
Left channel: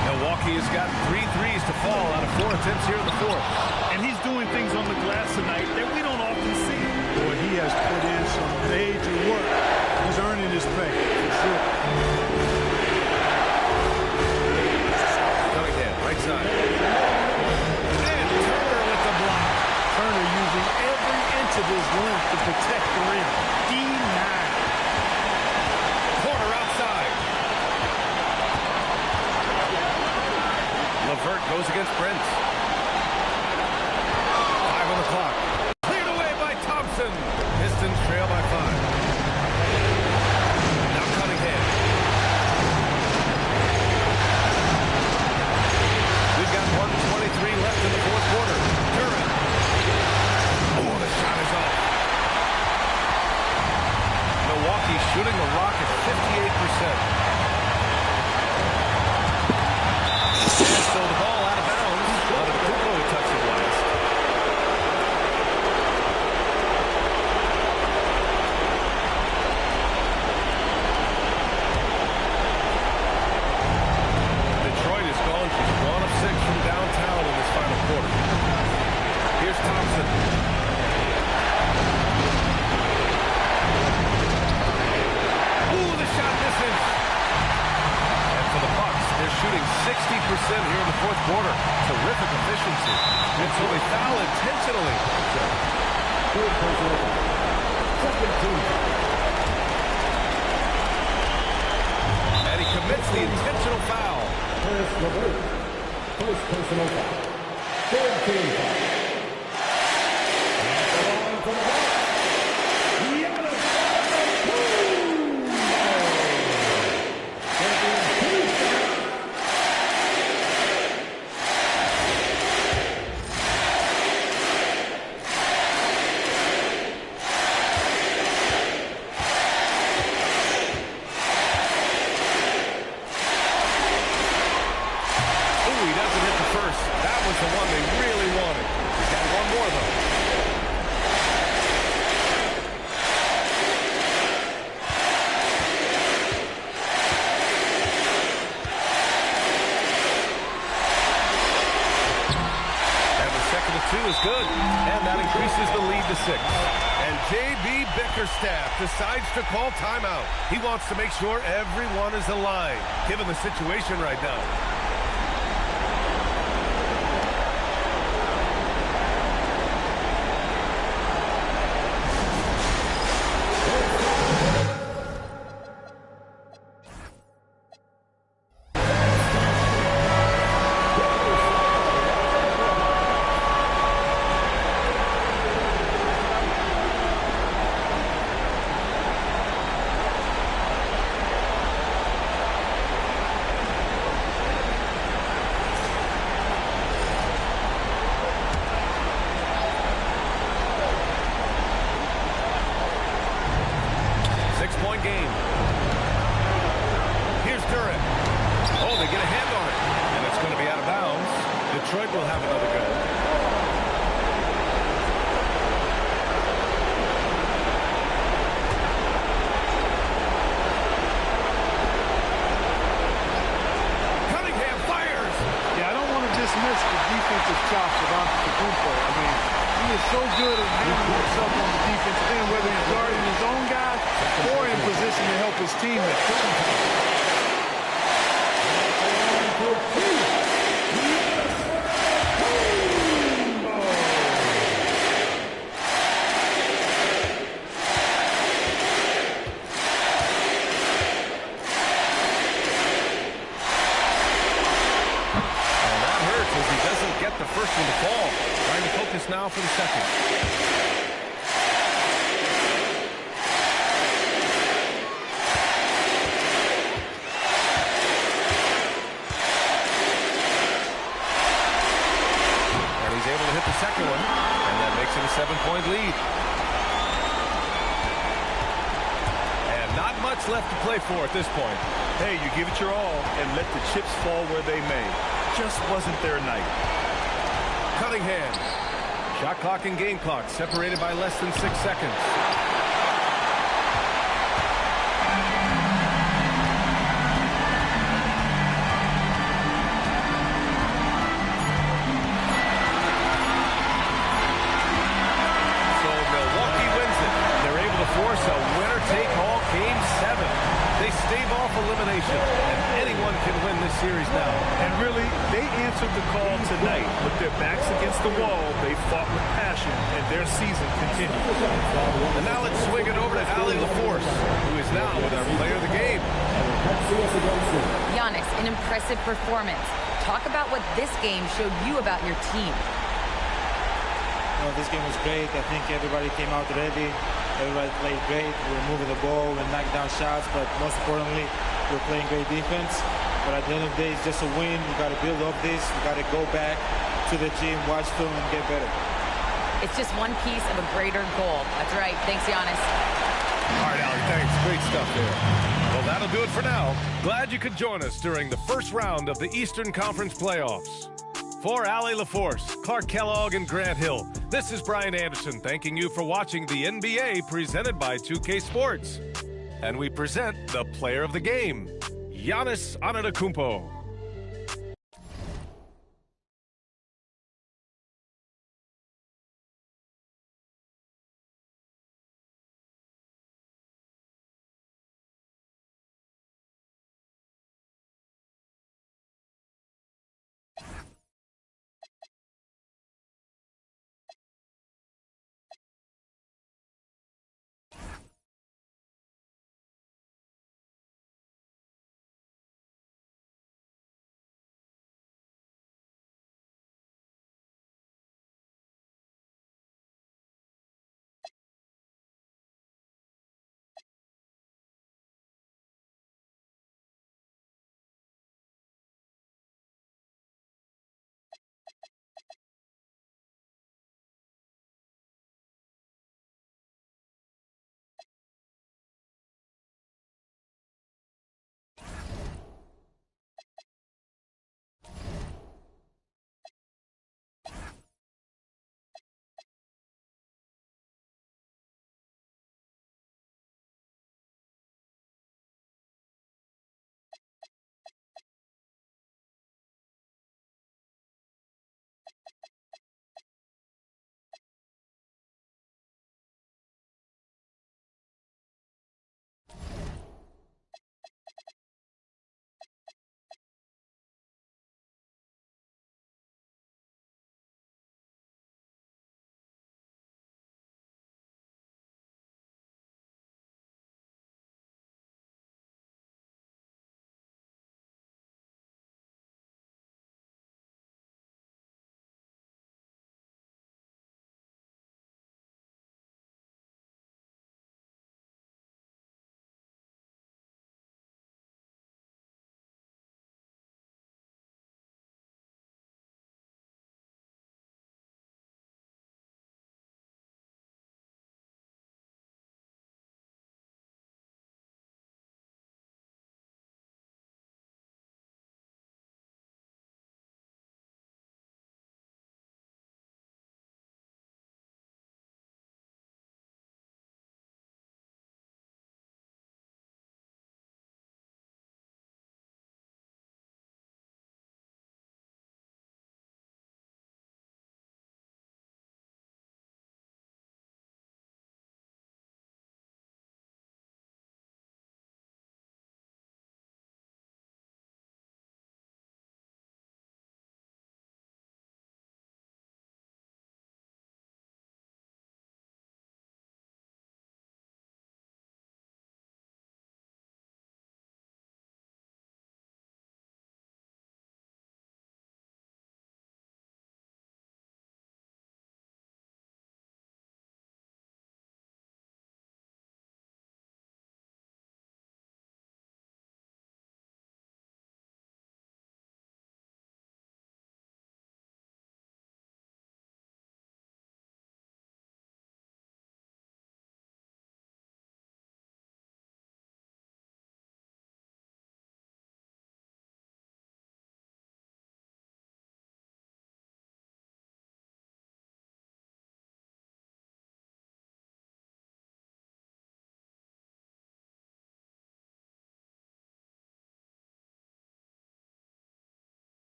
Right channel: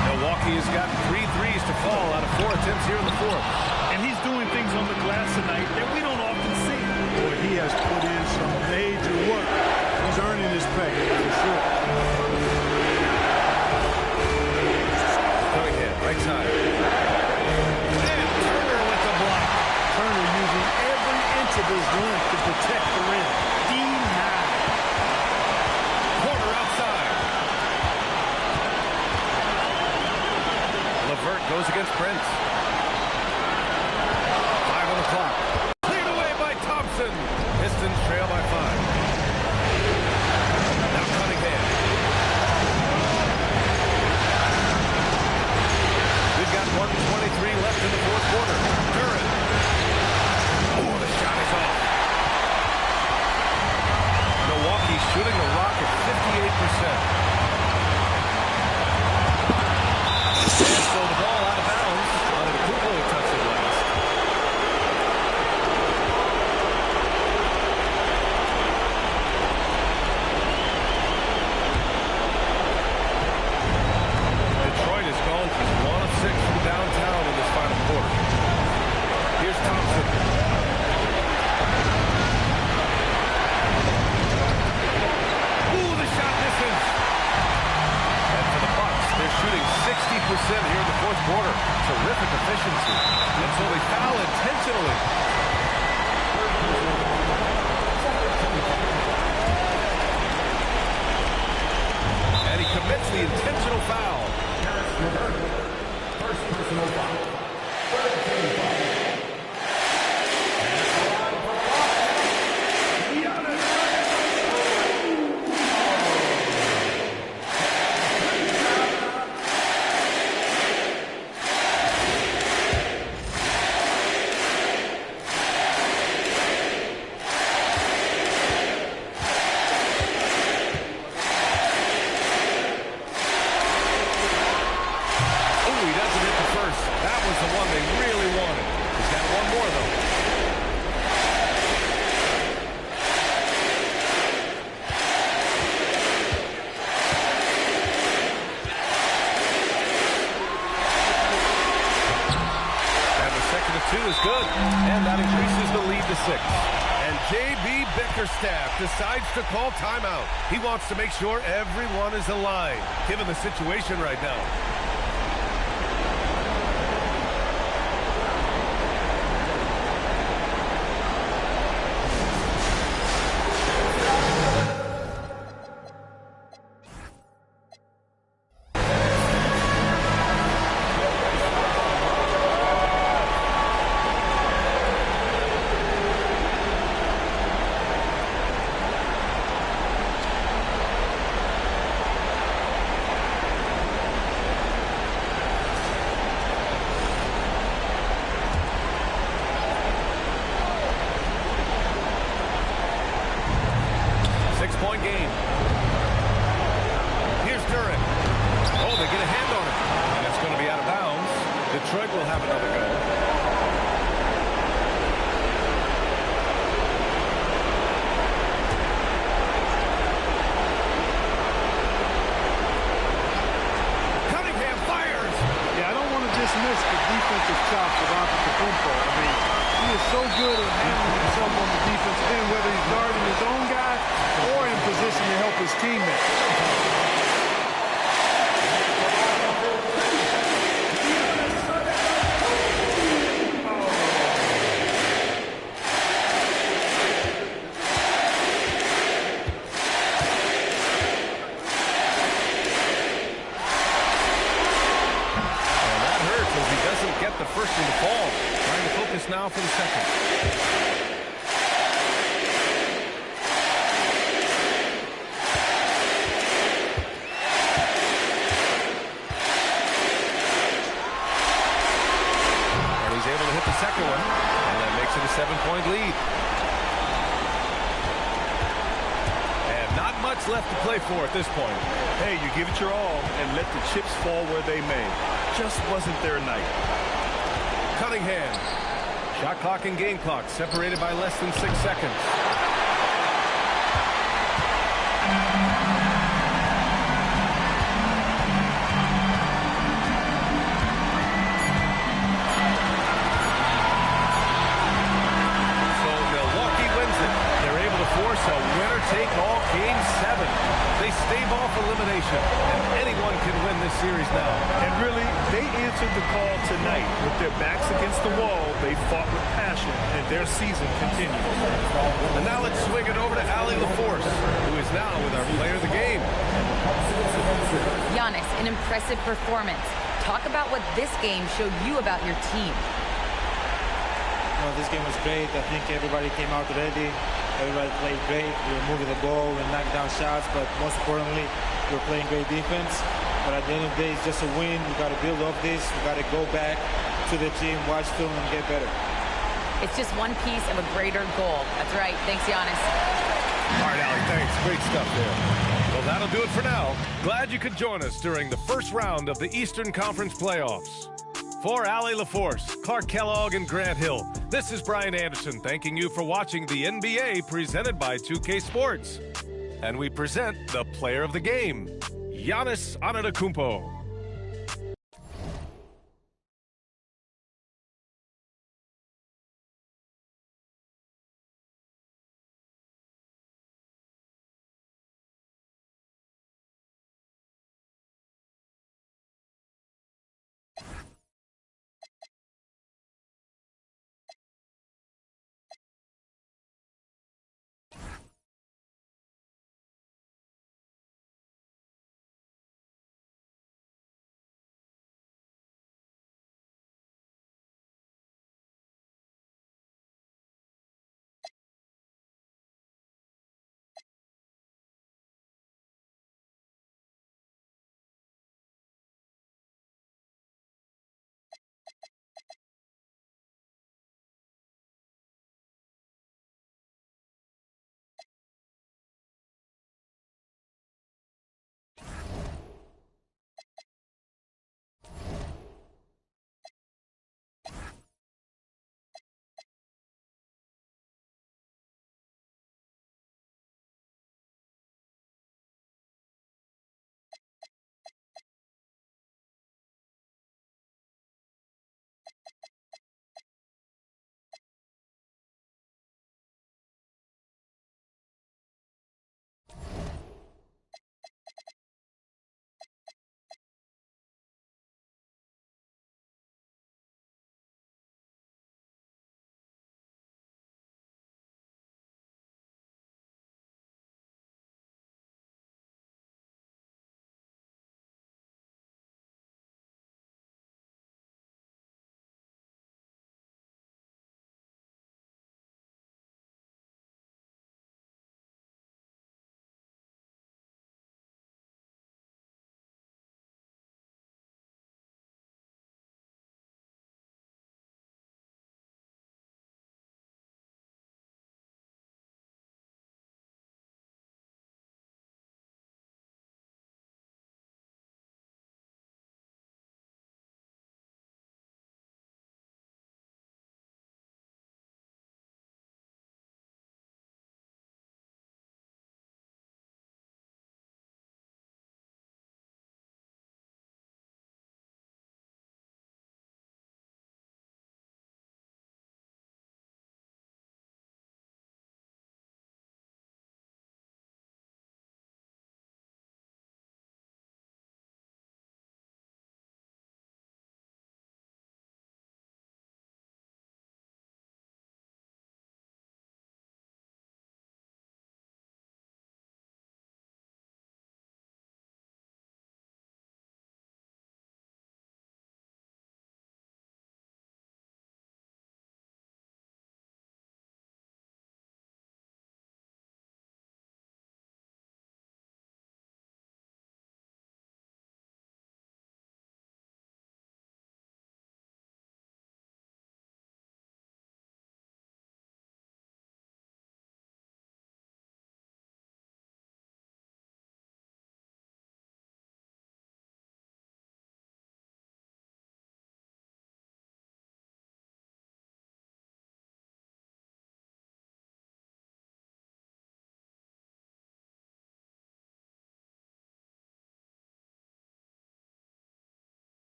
Milwaukee has gotten 3 threes to fall out of 4 attempts here in the fourth. And he's doing things on the glass tonight that we don't often see. Boy, he has put in some major work. He's earning his pay, for sure. Cunningham, right side. And Turner with the block. Turner using every inch of his length to protect the rim. D9. Porter outside. Levert goes against Prince. 5 on the clock. Cleared away by Thompson. Pistons trail by 5. Now Cunningham. We've got 1:23 left in the fourth quarter. Duren. Oh, the shot is off. Milwaukee shooting the rock at 58%. And so the ball out of bounds. Antetokounmpo who touched it last. Detroit is gone. She's 1 of 6 from downtown in this final quarter. Here's Thompson. Ooh, the shot misses. And for the Bucks, they're shooting 60% here in the fourth quarter. Terrific efficiency. And so they foul intentionally. And he commits the intentional foul. First personal foul. Third team foul. That was the one they really wanted. He's got one more, though. And the second of 2 is good. And that increases the lead to 6. And J.B. Bickerstaff decides to call timeout. He wants to make sure everyone is aligned, given the situation right now. Six-point game. Here's Duren. Oh, they get a hand on it. And it's going to be out of bounds. Detroit will have another go. Cunningham fires. Yeah, I don't want to dismiss the defensive chops of Antetokounmpo. I mean, he is so good at handling himself on the defensive end, whether he's guarding his own guy or in position to help his teammates. Get the first one to fall. Trying to focus now for the second. And he's able to hit the second one. And that makes it a 7-point lead. And not much left to play for at this point. Hey, you give it your all and let the chips fall where they may. Just wasn't their night. Cunningham. Shot clock and game clock separated by less than 6 seconds. So Milwaukee wins it. They're able to force a winner-take-all Game 7. They stave off elimination, and anyone can win this series now. And really, they answered the call tonight. With their backs against the wall, they fought with passion, and their season continues. And now let's swing it over to Ali LaForce, who is now with our player of the game. Giannis, an impressive performance. Talk about what this game showed you about your team. This game was great. I think everybody came out ready. Everybody played great. We were moving the ball and knocking down shots, but most importantly, we were playing great defense. But at the end of the day, it's just a win. We got to build off this. We got to go back to the gym, watch film, and get better. It's just one piece of a greater goal. That's right. Thanks, Giannis. All right, Ali, thanks. Great stuff there. Well, that'll do it for now. Glad you could join us during the first round of the Eastern Conference playoffs. For Ali LaForce, Clark Kellogg, and Grant Hill, this is Brian Anderson thanking you for watching the NBA presented by 2K Sports. And we present the player of the game, Giannis Antetokounmpo.